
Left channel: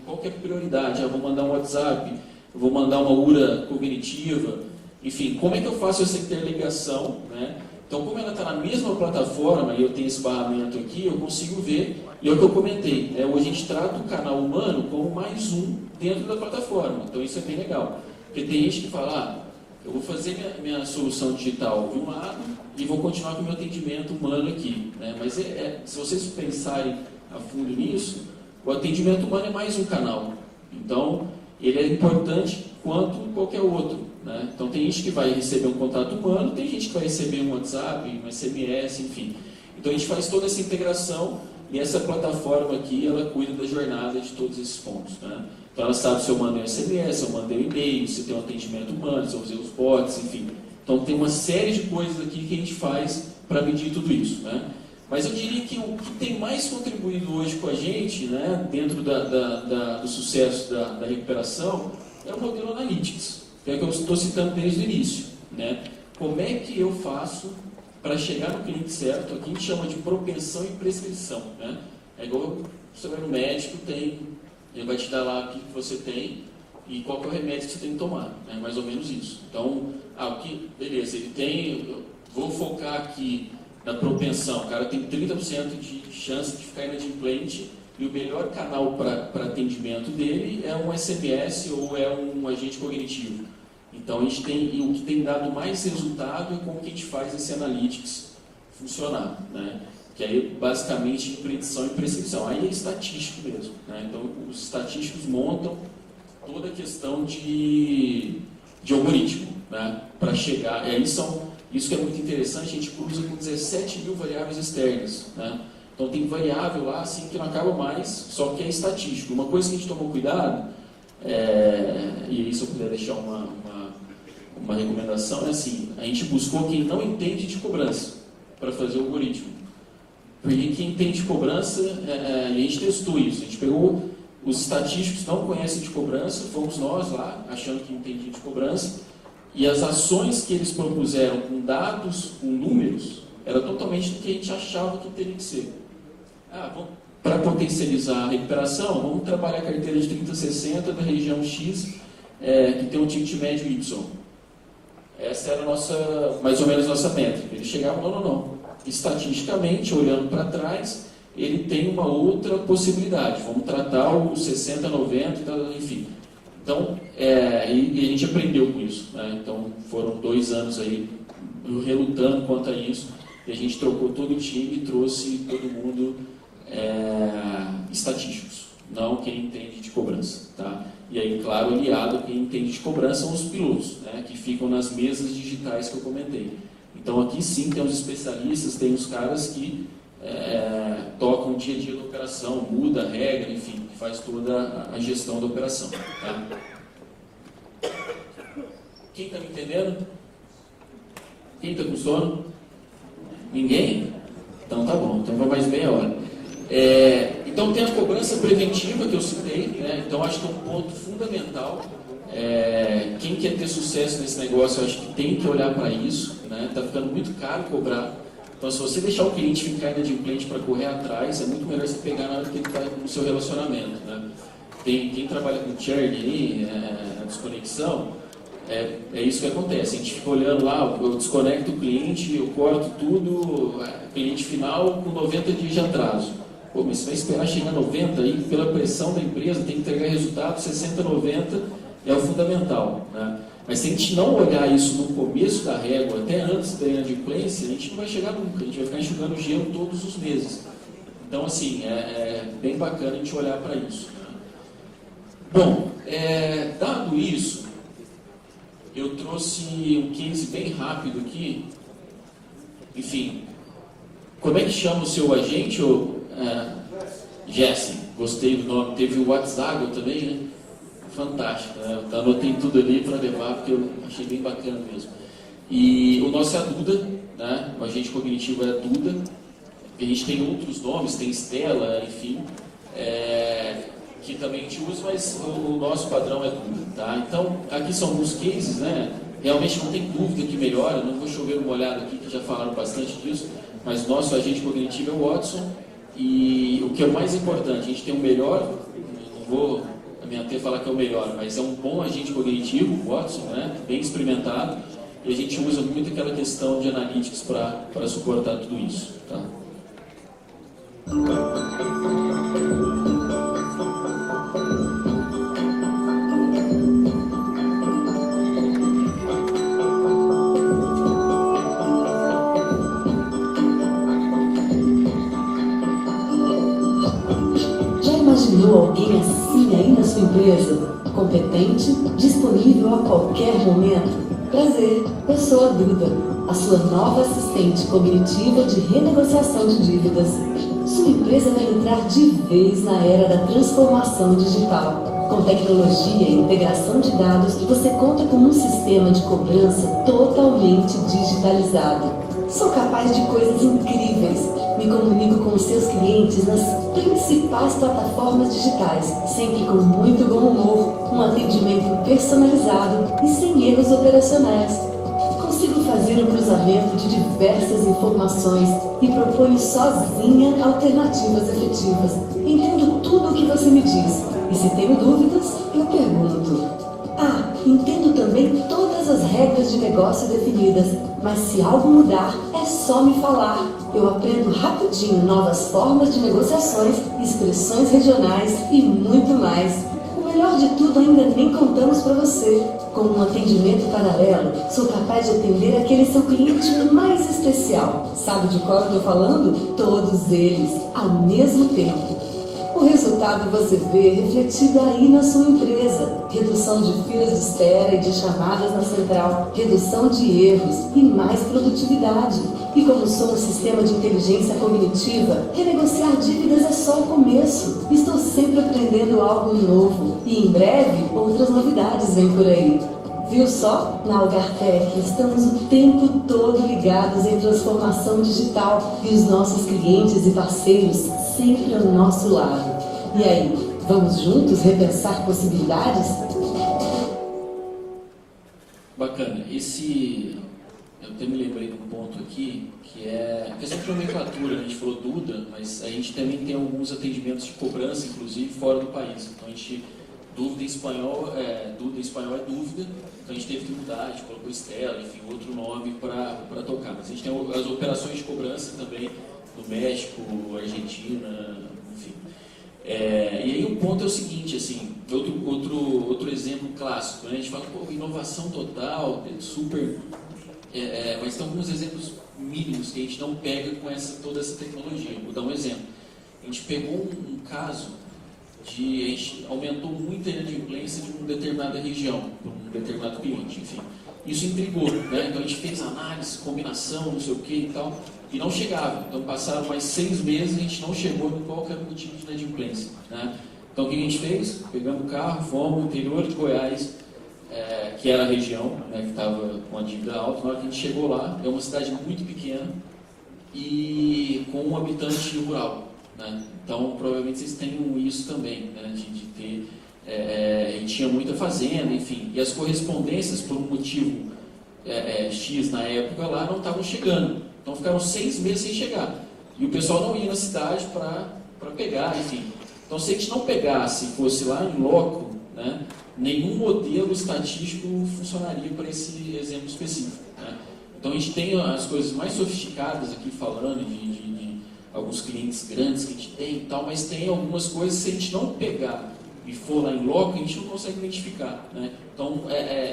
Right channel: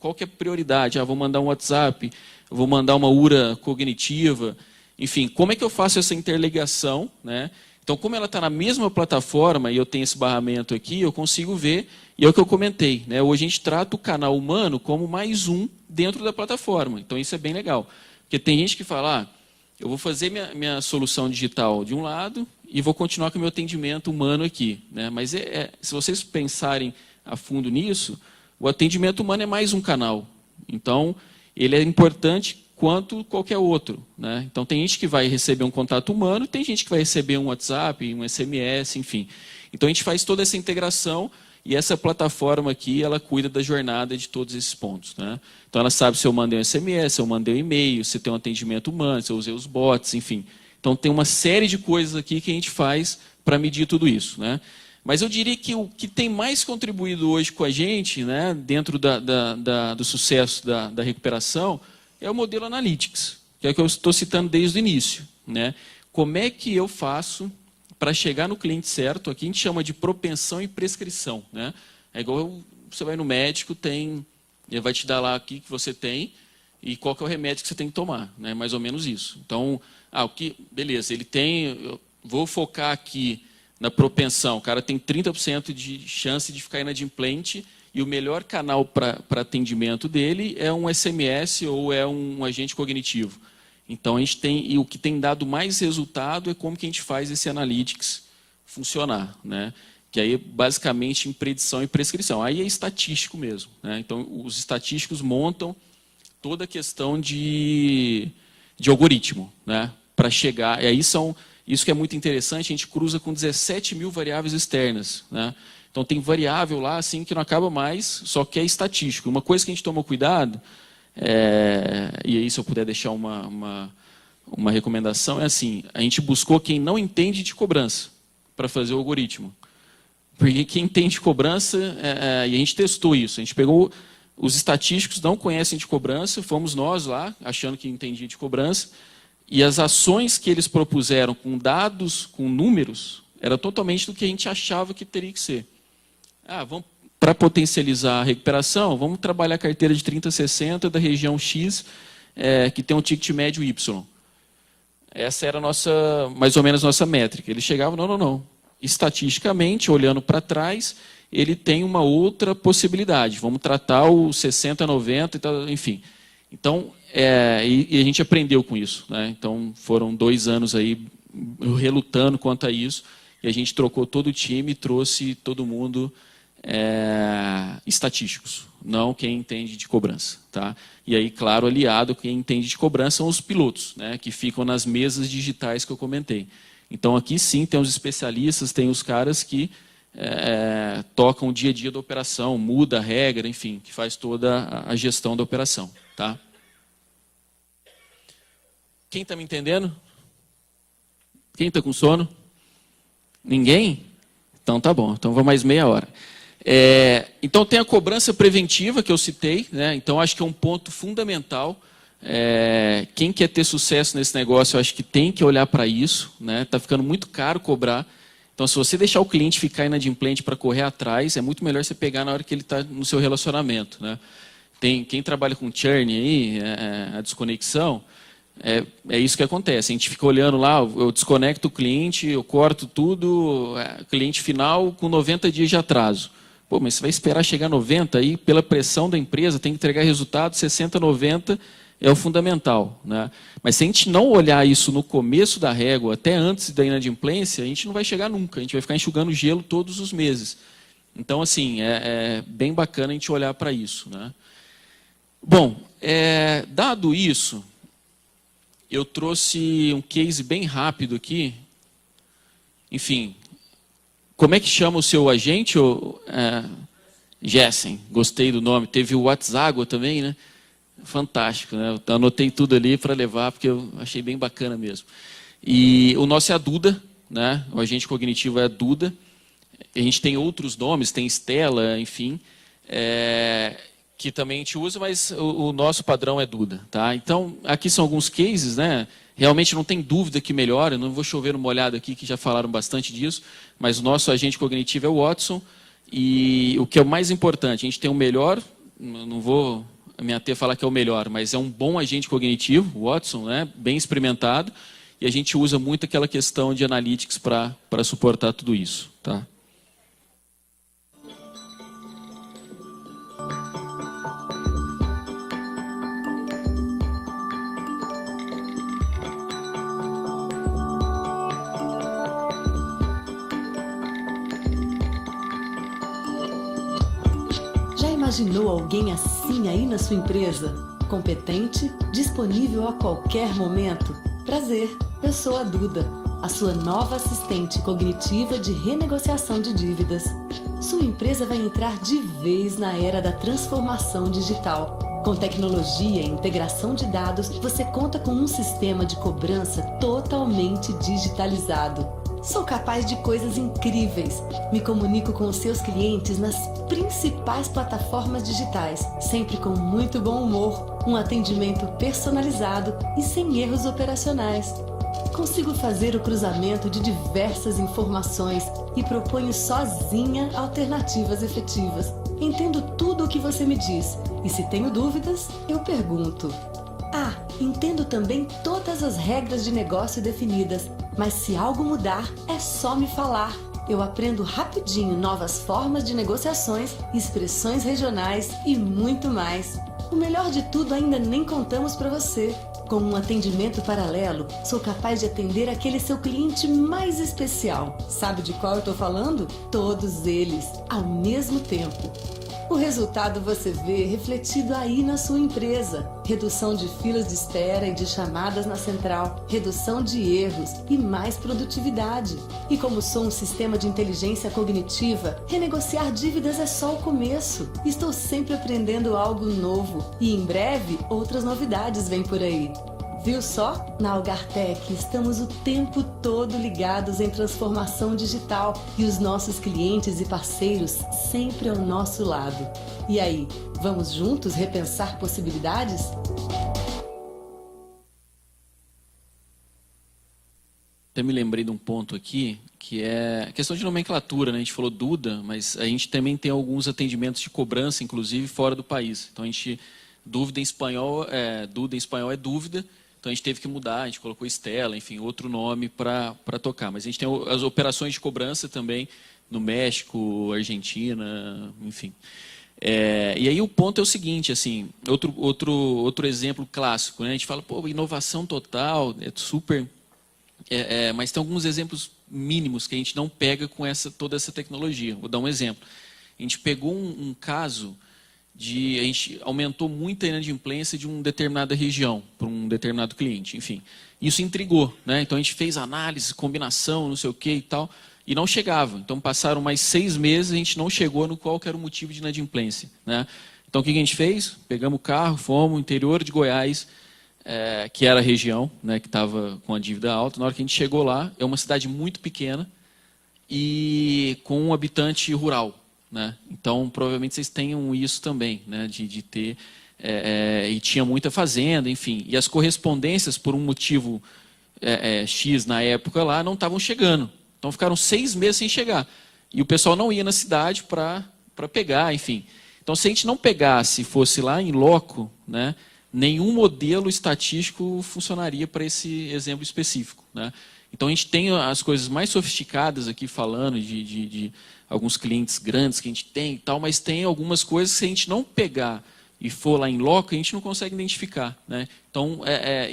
qual que é a prioridade? Eu vou mandar um WhatsApp, eu vou mandar uma URA cognitiva, enfim, como é que eu faço essa interligação, né? Então, como ela está na mesma plataforma e eu tenho esse barramento aqui, eu consigo ver, e é o que eu comentei, né? Hoje a gente trata o canal humano como mais um dentro da plataforma, então isso é bem legal. Porque tem gente que fala, eu vou fazer minha solução digital de um lado e vou continuar com o meu atendimento humano aqui, né? Mas se vocês pensarem a fundo nisso, o atendimento humano é mais um canal. Então, ele é importante quanto qualquer outro, né? Então, tem gente que vai receber um contato humano, tem gente que vai receber um WhatsApp, um SMS, enfim. Então, a gente faz toda essa integração e essa plataforma aqui, ela cuida da jornada de todos esses pontos, né? Então, ela sabe se eu mandei um SMS, se eu mandei um e-mail, se tem um atendimento humano, se eu usei os bots, enfim. Então, tem uma série de coisas aqui que a gente faz para medir tudo isso, né? Mas eu diria que o que tem mais contribuído hoje com a gente, né, dentro do sucesso da recuperação, é o modelo Analytics, que é o que eu estou citando desde o início, né? Como é que eu faço para chegar no cliente certo? Aqui a gente chama de propensão e prescrição, né? É igual você vai no médico, ele vai te dar lá o que você tem e qual que é o remédio que você tem que tomar, né? Mais ou menos isso. Então, beleza, eu vou focar aqui na propensão, o cara tem 30% de chance de ficar inadimplente e o melhor canal para atendimento dele é um SMS ou é um agente cognitivo. Então, e o que tem dado mais resultado é como que a gente faz esse Analytics funcionar, né? Que aí, basicamente, em predição e prescrição. Aí é estatístico mesmo, né? Então, os estatísticos montam toda a questão de algoritmo, né? Para chegar... E aí isso que é muito interessante, a gente cruza com 17 mil variáveis externas, né? Então, tem variável lá assim, que não acaba mais, só que é estatístico. Uma coisa que a gente tomou cuidado, e aí se eu puder deixar uma recomendação, é assim, a gente buscou quem não entende de cobrança para fazer o algoritmo. Porque quem entende de cobrança, e a gente testou isso, a gente pegou os estatísticos que não conhecem de cobrança, fomos nós lá, achando que entendia de cobrança, e as ações que eles propuseram com dados, com números, era totalmente do que a gente achava que teria que ser. Para potencializar a recuperação, vamos trabalhar a carteira de 30-60 da região X, que tem um ticket médio Y. Essa era mais ou menos a nossa métrica. Eles chegavam, não. Estatisticamente, olhando para trás, ele tem uma outra possibilidade. Vamos tratar o 60-90, enfim. Então, e a gente aprendeu com isso, né? Então, foram 2 anos aí relutando quanto a isso, e a gente trocou todo o time e trouxe todo mundo estatísticos, não quem entende de cobrança, tá? E aí, claro, aliado a quem entende de cobrança são os pilotos, né? Que ficam nas mesas digitais que eu comentei. Então, aqui sim, tem os especialistas, tem os caras que tocam o dia a dia da operação, muda a regra, enfim, que faz toda a gestão da operação, tá? Quem está me entendendo? Quem está com sono? Ninguém? Então tá bom, então vamos mais meia hora. Então tem a cobrança preventiva que eu citei, né? Então acho que é um ponto fundamental. Quem quer ter sucesso nesse negócio, eu acho que tem que olhar para isso, né? Está ficando muito caro cobrar. Então, se você deixar o cliente ficar inadimplente para correr atrás, é muito melhor você pegar na hora que ele está no seu relacionamento, né? Quem trabalha com churn aí, a desconexão, é isso que acontece. A gente fica olhando lá, eu desconecto o cliente, eu corto tudo, cliente final com 90 dias de atraso. Pô, mas você vai esperar chegar a 90 aí, pela pressão da empresa, tem que entregar resultado, 60, 90 é o fundamental, né? Mas se a gente não olhar isso no começo da régua, até antes da inadimplência, a gente não vai chegar nunca, a gente vai ficar enxugando gelo todos os meses. Então, assim, é bem bacana a gente olhar para isso, né? Bom, dado isso, eu trouxe um case bem rápido aqui. Enfim, como é que chama o seu agente? Jessen, gostei do nome. Teve o WhatsApp também, né? Fantástico, né? Eu anotei tudo ali para levar, porque eu achei bem bacana mesmo. E o nosso é a Duda, né? O agente cognitivo é a Duda. A gente tem outros nomes, tem Stella, enfim, que também a gente usa, mas o nosso padrão é Duda, tá? Então, aqui são alguns cases, né? Realmente não tem dúvida que melhora, não vou chover uma olhada aqui, que já falaram bastante disso, mas o nosso agente cognitivo é o Watson, e o que é o mais importante, a gente tem o melhor, não vou me ater a falar que é o melhor, mas é um bom agente cognitivo, o Watson, né? Bem experimentado, e a gente usa muito aquela questão de analytics para suportar tudo isso, tá? Alguém assim aí na sua empresa, competente, disponível a qualquer momento? Prazer, eu sou a Duda, a sua nova assistente cognitiva de renegociação de dívidas. Sua empresa vai entrar de vez na era da transformação digital. Com tecnologia e integração de dados, você conta com um sistema de cobrança totalmente digitalizado. Sou capaz de coisas incríveis. Me comunico com seus clientes nas principais plataformas digitais, sempre com muito bom humor, um atendimento personalizado e sem erros operacionais. Consigo fazer um cruzamento de diversas informações e proponho sozinha alternativas efetivas. Entendo tudo o que você me diz e se tenho dúvidas, eu pergunto. Entendo também todas as regras de negócio definidas, mas se algo mudar, é só me falar. Eu aprendo rapidinho novas formas de negociações, expressões regionais e muito mais. O melhor de tudo ainda nem contamos para você. Com um atendimento paralelo, sou capaz de atender aquele seu cliente mais especial. Sabe de qual eu estou falando? Todos eles, ao mesmo tempo. O resultado você vê refletido aí na sua empresa. Redução de filas de espera e de chamadas na central, redução de erros e mais produtividade. E como sou um sistema de inteligência cognitiva, renegociar dívidas é só o começo. Estou sempre aprendendo algo novo. E em breve, outras novidades vêm por aí. Viu só? Na Algartec estamos o tempo todo ligados em transformação digital e os nossos clientes e parceiros sempre ao nosso lado. E aí, vamos juntos repensar possibilidades? Bacana. Eu até me lembrei de um ponto aqui, que é questão de nomenclatura, né? A gente falou Duda, mas a gente também tem alguns atendimentos de cobrança, inclusive fora do país. Então a gente, Duda em espanhol é dúvida, então a gente teve que mudar, a gente colocou Estela, enfim, outro nome para tocar. Mas a gente tem as operações de cobrança também no México, Argentina, enfim. E aí o ponto é o seguinte, assim, outro exemplo clássico, né? A gente fala, pô, inovação total, é super... mas tem alguns exemplos mínimos que a gente não pega com toda essa tecnologia. Vou dar um exemplo. A gente pegou um caso a gente aumentou muito a inadimplência de uma determinada região, para um determinado cliente, enfim. Isso intrigou, né? Então a gente fez análise, combinação, não sei o que e tal, e não chegava. Então passaram mais 6 meses e a gente não chegou no qual que era o motivo de inadimplência, né? Então o que a gente fez? Pegamos o carro, fomos no interior de Goiás, que era a região, né, que estava com a dívida alta. Na hora que a gente chegou lá, é uma cidade muito pequena e com um habitante rural, né? Então provavelmente vocês tenham isso também, né, de ter e tinha muita fazenda, enfim, e as correspondências por um motivo X na época lá não estavam chegando, então ficaram 6 meses sem chegar e o pessoal não ia na cidade para pegar, enfim. Então se a gente não pegasse, fosse lá em loco, né, nenhum modelo estatístico funcionaria para esse exemplo específico, né? Então a gente tem as coisas mais sofisticadas aqui falando de alguns clientes grandes que a gente tem e tal, mas tem algumas coisas que se a gente não pegar e for lá em loco, a gente não consegue identificar, né? Então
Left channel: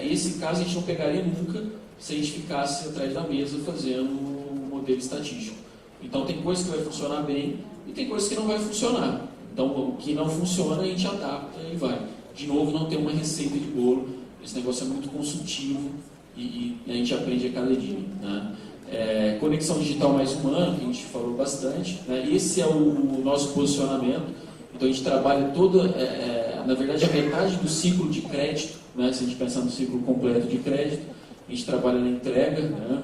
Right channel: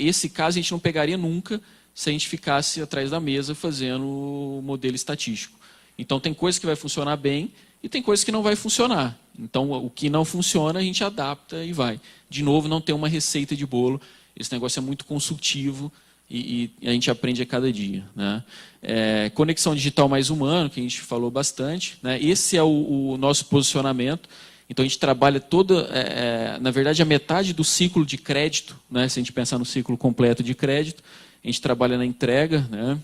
esse caso a gente não pegaria nunca se a gente ficasse atrás da mesa fazendo o modelo estatístico. Então tem coisa que vai funcionar bem e tem coisa que não vai funcionar. Então o que não funciona a gente adapta e vai. De novo, não tem uma receita de bolo, esse negócio é muito consultivo e a gente aprende a cada dia, né? Conexão digital mais humano, que a gente falou bastante, né? Esse é o nosso posicionamento. Então a gente trabalha na verdade a metade do ciclo de crédito, né? Se a gente pensar no ciclo completo de crédito, a gente trabalha na entrega, né?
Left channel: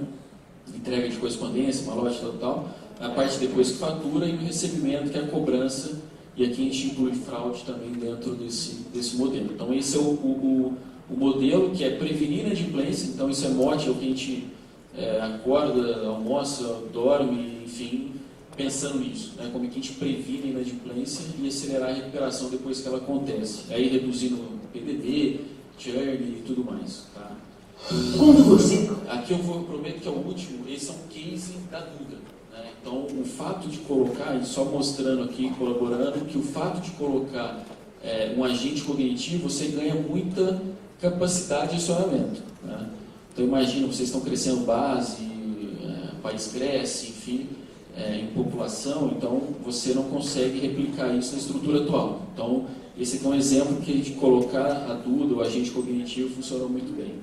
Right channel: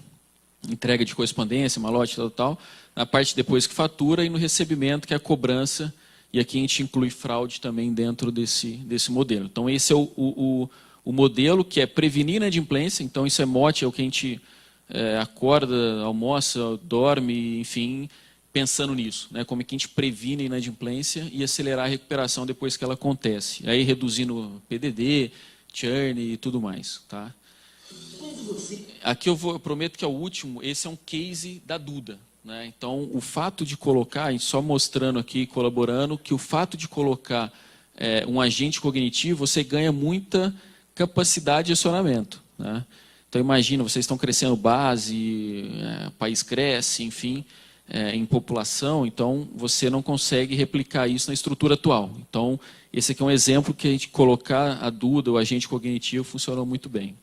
Entrega de correspondência, malote, tal, na parte depois que fatura e no recebimento, que é a cobrança, e aqui a gente inclui fraude também dentro desse modelo. Então esse é o modelo que é prevenir inadimplência, então isso é mote, é o que a gente acorda, almoça, dorme, enfim, pensando nisso, né? Como é que a gente previne a inadimplência e acelerar a recuperação depois que ela acontece. Aí reduzindo PDD, churn e tudo mais, tá? Aqui eu prometo que é o último, esse é um case da Duda, né? Então o fato de colocar, e só mostrando aqui, colaborando, que o fato de colocar um agente cognitivo, você ganha muita capacidade de acionamento, né? Então imagina, vocês estão crescendo base, o país cresce, enfim, em população, então você não consegue replicar isso na estrutura atual. Então esse aqui é um exemplo que a gente colocar a Duda, o agente cognitivo, funcionou muito bem.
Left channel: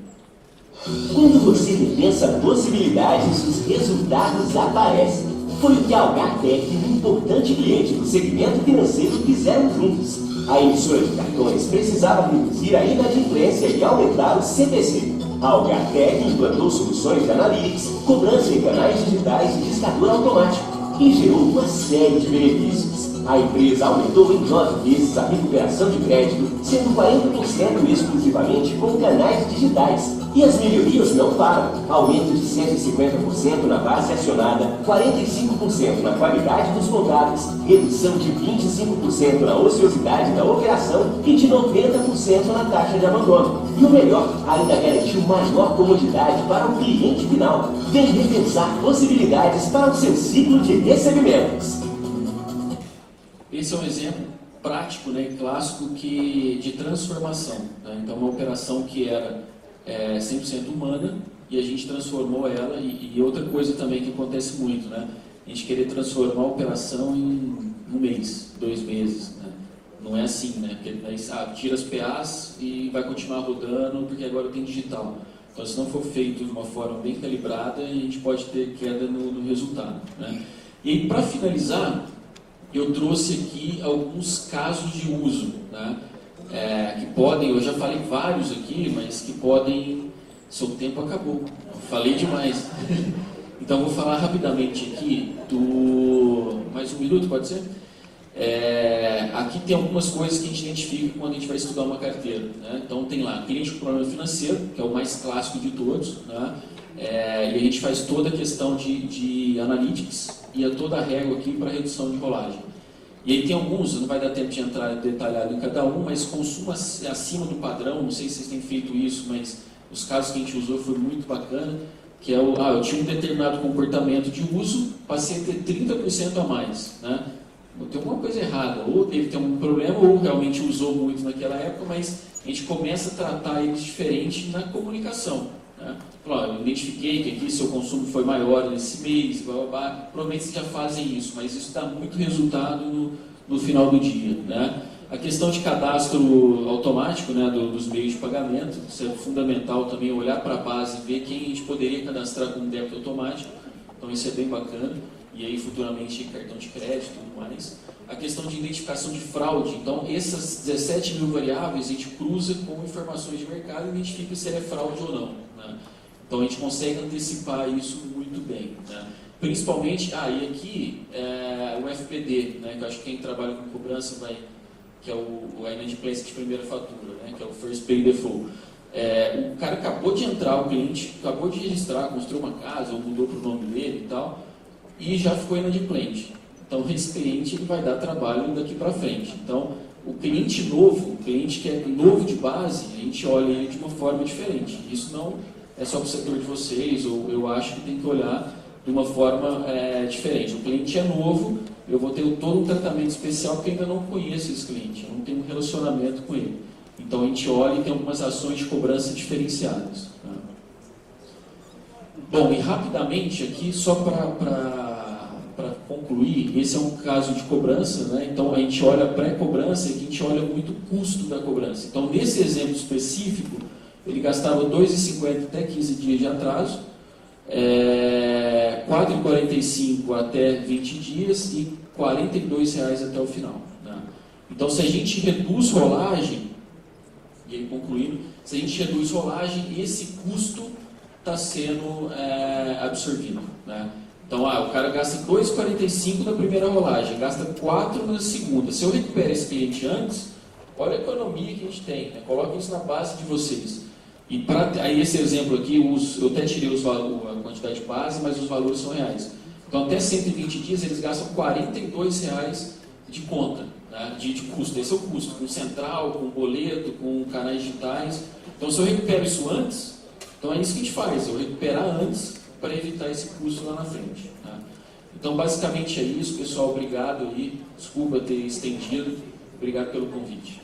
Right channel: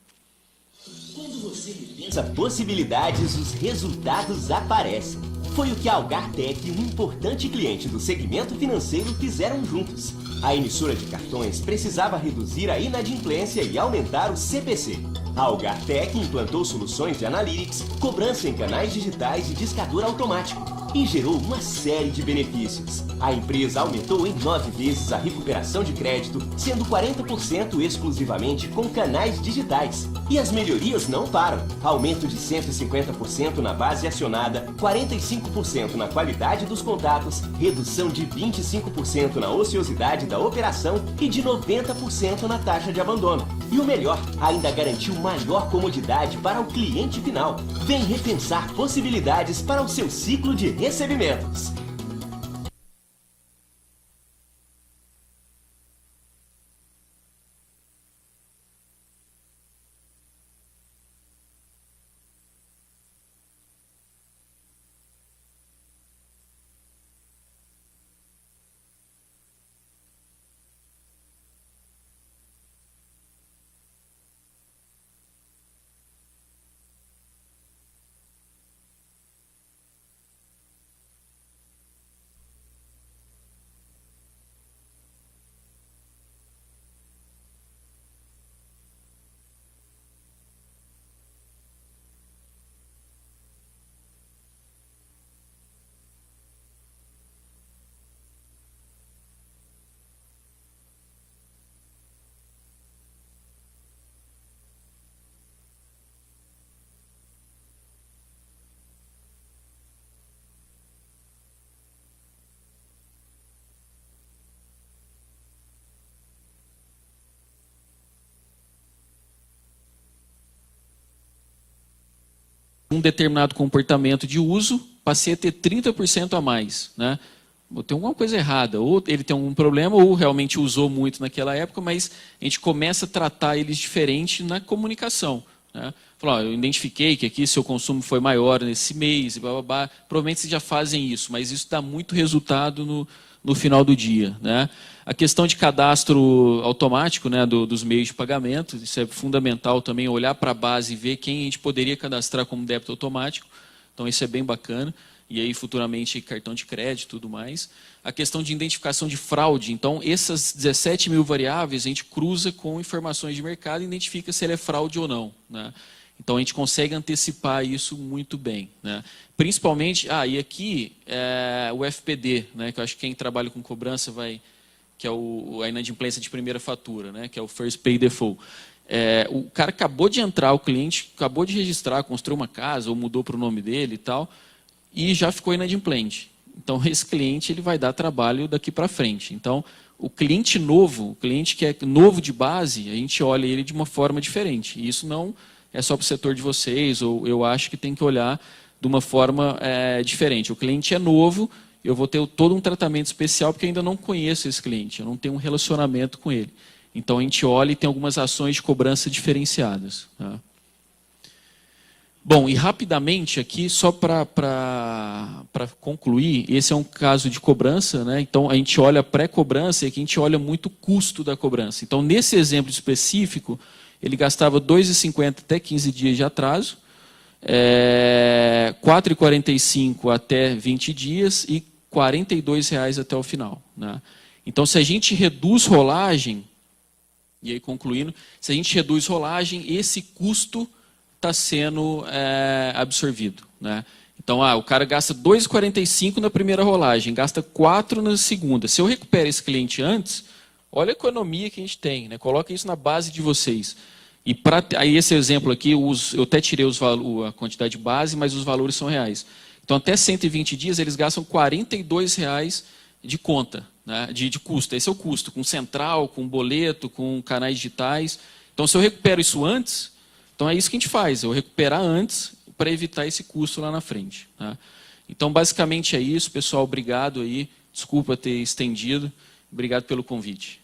Quando você pensa possibilidades, os resultados aparecem. foi o que a Algartec e um importante cliente do segmento financeiro fizeram juntos. A emissora de cartões precisava reduzir a inadimplência e aumentar o CPC. A Algartec implantou soluções de analytics, cobrança em canais digitais e discador automático e gerou uma série de benefícios. A empresa aumentou em 9 vezes a recuperação de crédito, sendo 40% exclusivamente com canais digitais. E as melhorias não param. Aumento de 150% na base acionada, 45% na qualidade dos contatos, redução de 25% na ociosidade da operação e de 90% na taxa de abandono. E o melhor, ainda garantiu maior comodidade para o cliente final. Vem repensar possibilidades para o seu ciclo de recebimentos. Esse é um exemplo prático, né, clássico de transformação. Né? Então, uma operação que era 100% humana e a gente transformou ela. E outra coisa também que acontece muito, né? A gente querer transformar a operação em um mês, 2 meses. Né? Não é assim, né? Porque daí, tira as PAs e vai continuar rodando porque agora tem digital. Então, se não for feito de uma forma bem calibrada, a gente pode ter queda no resultado. Né? E aí, para finalizar, eu trouxe aqui alguns casos de uso, né? Que podem, eu já falei vários aqui, mas que podem, seu tempo acabou, eu falei demais. Então vou falar rapidamente aqui mais um minuto, pode ser? Aqui tem algumas coisas que a gente identifica quando a gente vai estudar uma carteira, né? Então tem lá, cliente com problema financeiro, que é o mais clássico de todos, né? E a gente faz toda a questão de analytics e toda a régua aqui para redução de rolagem. E aí tem alguns, não vai dar tempo de entrar detalhado em cada um, mas consumo acima do padrão, não sei se vocês têm feito isso, mas os casos que a gente usou foi muito bacana, que é eu tinha um determinado comportamento de uso, passei a ter 30% a mais, né? Tem alguma coisa errada, ou ele tem algum problema, ou realmente usou muito naquela época, mas a gente começa a tratar eles diferente na comunicação, né? Eu identifiquei que aqui seu consumo foi maior nesse mês, blá, blá, blá. Provavelmente vocês já fazem isso, mas isso dá muito resultado no final do dia, né? A questão de cadastro automático, né, dos meios de pagamento, isso é fundamental também, olhar para a base e ver quem a gente poderia cadastrar como débito automático, então isso é bem bacana, e aí futuramente cartão de crédito e tudo mais. A questão de identificação de fraude, então essas 17 mil variáveis a gente cruza com informações de mercado e identifica se ele é fraude ou não, né? Então a gente consegue antecipar isso muito bem, né? Principalmente, e aqui o FPD, né, que eu acho que quem trabalha com cobrança que é a inadimplência de primeira fatura, né, que é o First Pay Default. O cara acabou de entrar, o cliente acabou de registrar, construiu uma casa ou mudou para o nome dele e tal, e já ficou inadimplente. Então esse cliente ele vai dar trabalho daqui para frente. Então o cliente novo, o cliente que é novo de base, a gente olha ele de uma forma diferente. E isso não é só para o setor de vocês, ou eu acho que tem que olhar de uma forma diferente. O cliente é novo, eu vou ter todo um tratamento especial porque ainda não conheço esse cliente, eu não tenho um relacionamento com ele. Então a gente olha e tem algumas ações de cobrança diferenciadas. Tá? Bom, e rapidamente aqui, só para concluir, esse é um caso de cobrança, né? Então a gente olha pré-cobrança e aqui a gente olha muito o custo da cobrança. Então nesse exemplo específico, ele gastava R$ 2,50 até 15 dias de atraso, R$ 4,45 até 20 dias e R$ 42,00 até o final, né? Então, se a gente reduz rolagem, e aí concluindo, se a gente reduz rolagem, esse custo está sendo absorvido, né? Então, o cara gasta R$ 2,45 na primeira rolagem, gasta R$ 4 na segunda. Se eu recupero esse cliente antes, olha a economia que a gente tem, né? Coloquem isso na base de vocês. E aí esse exemplo aqui, eu até tirei a quantidade base, mas os valores são reais. Então, até 120 dias, eles gastam R$ 42,00 de conta, né, de custo. Esse é o custo, com central, com boleto, com canais digitais. Então, se eu recupero isso antes, então é isso que a gente faz, eu recuperar antes para evitar esse custo lá na frente, né? Então, basicamente é isso, pessoal. Obrigado aí. Desculpa ter estendido. Obrigado pelo convite.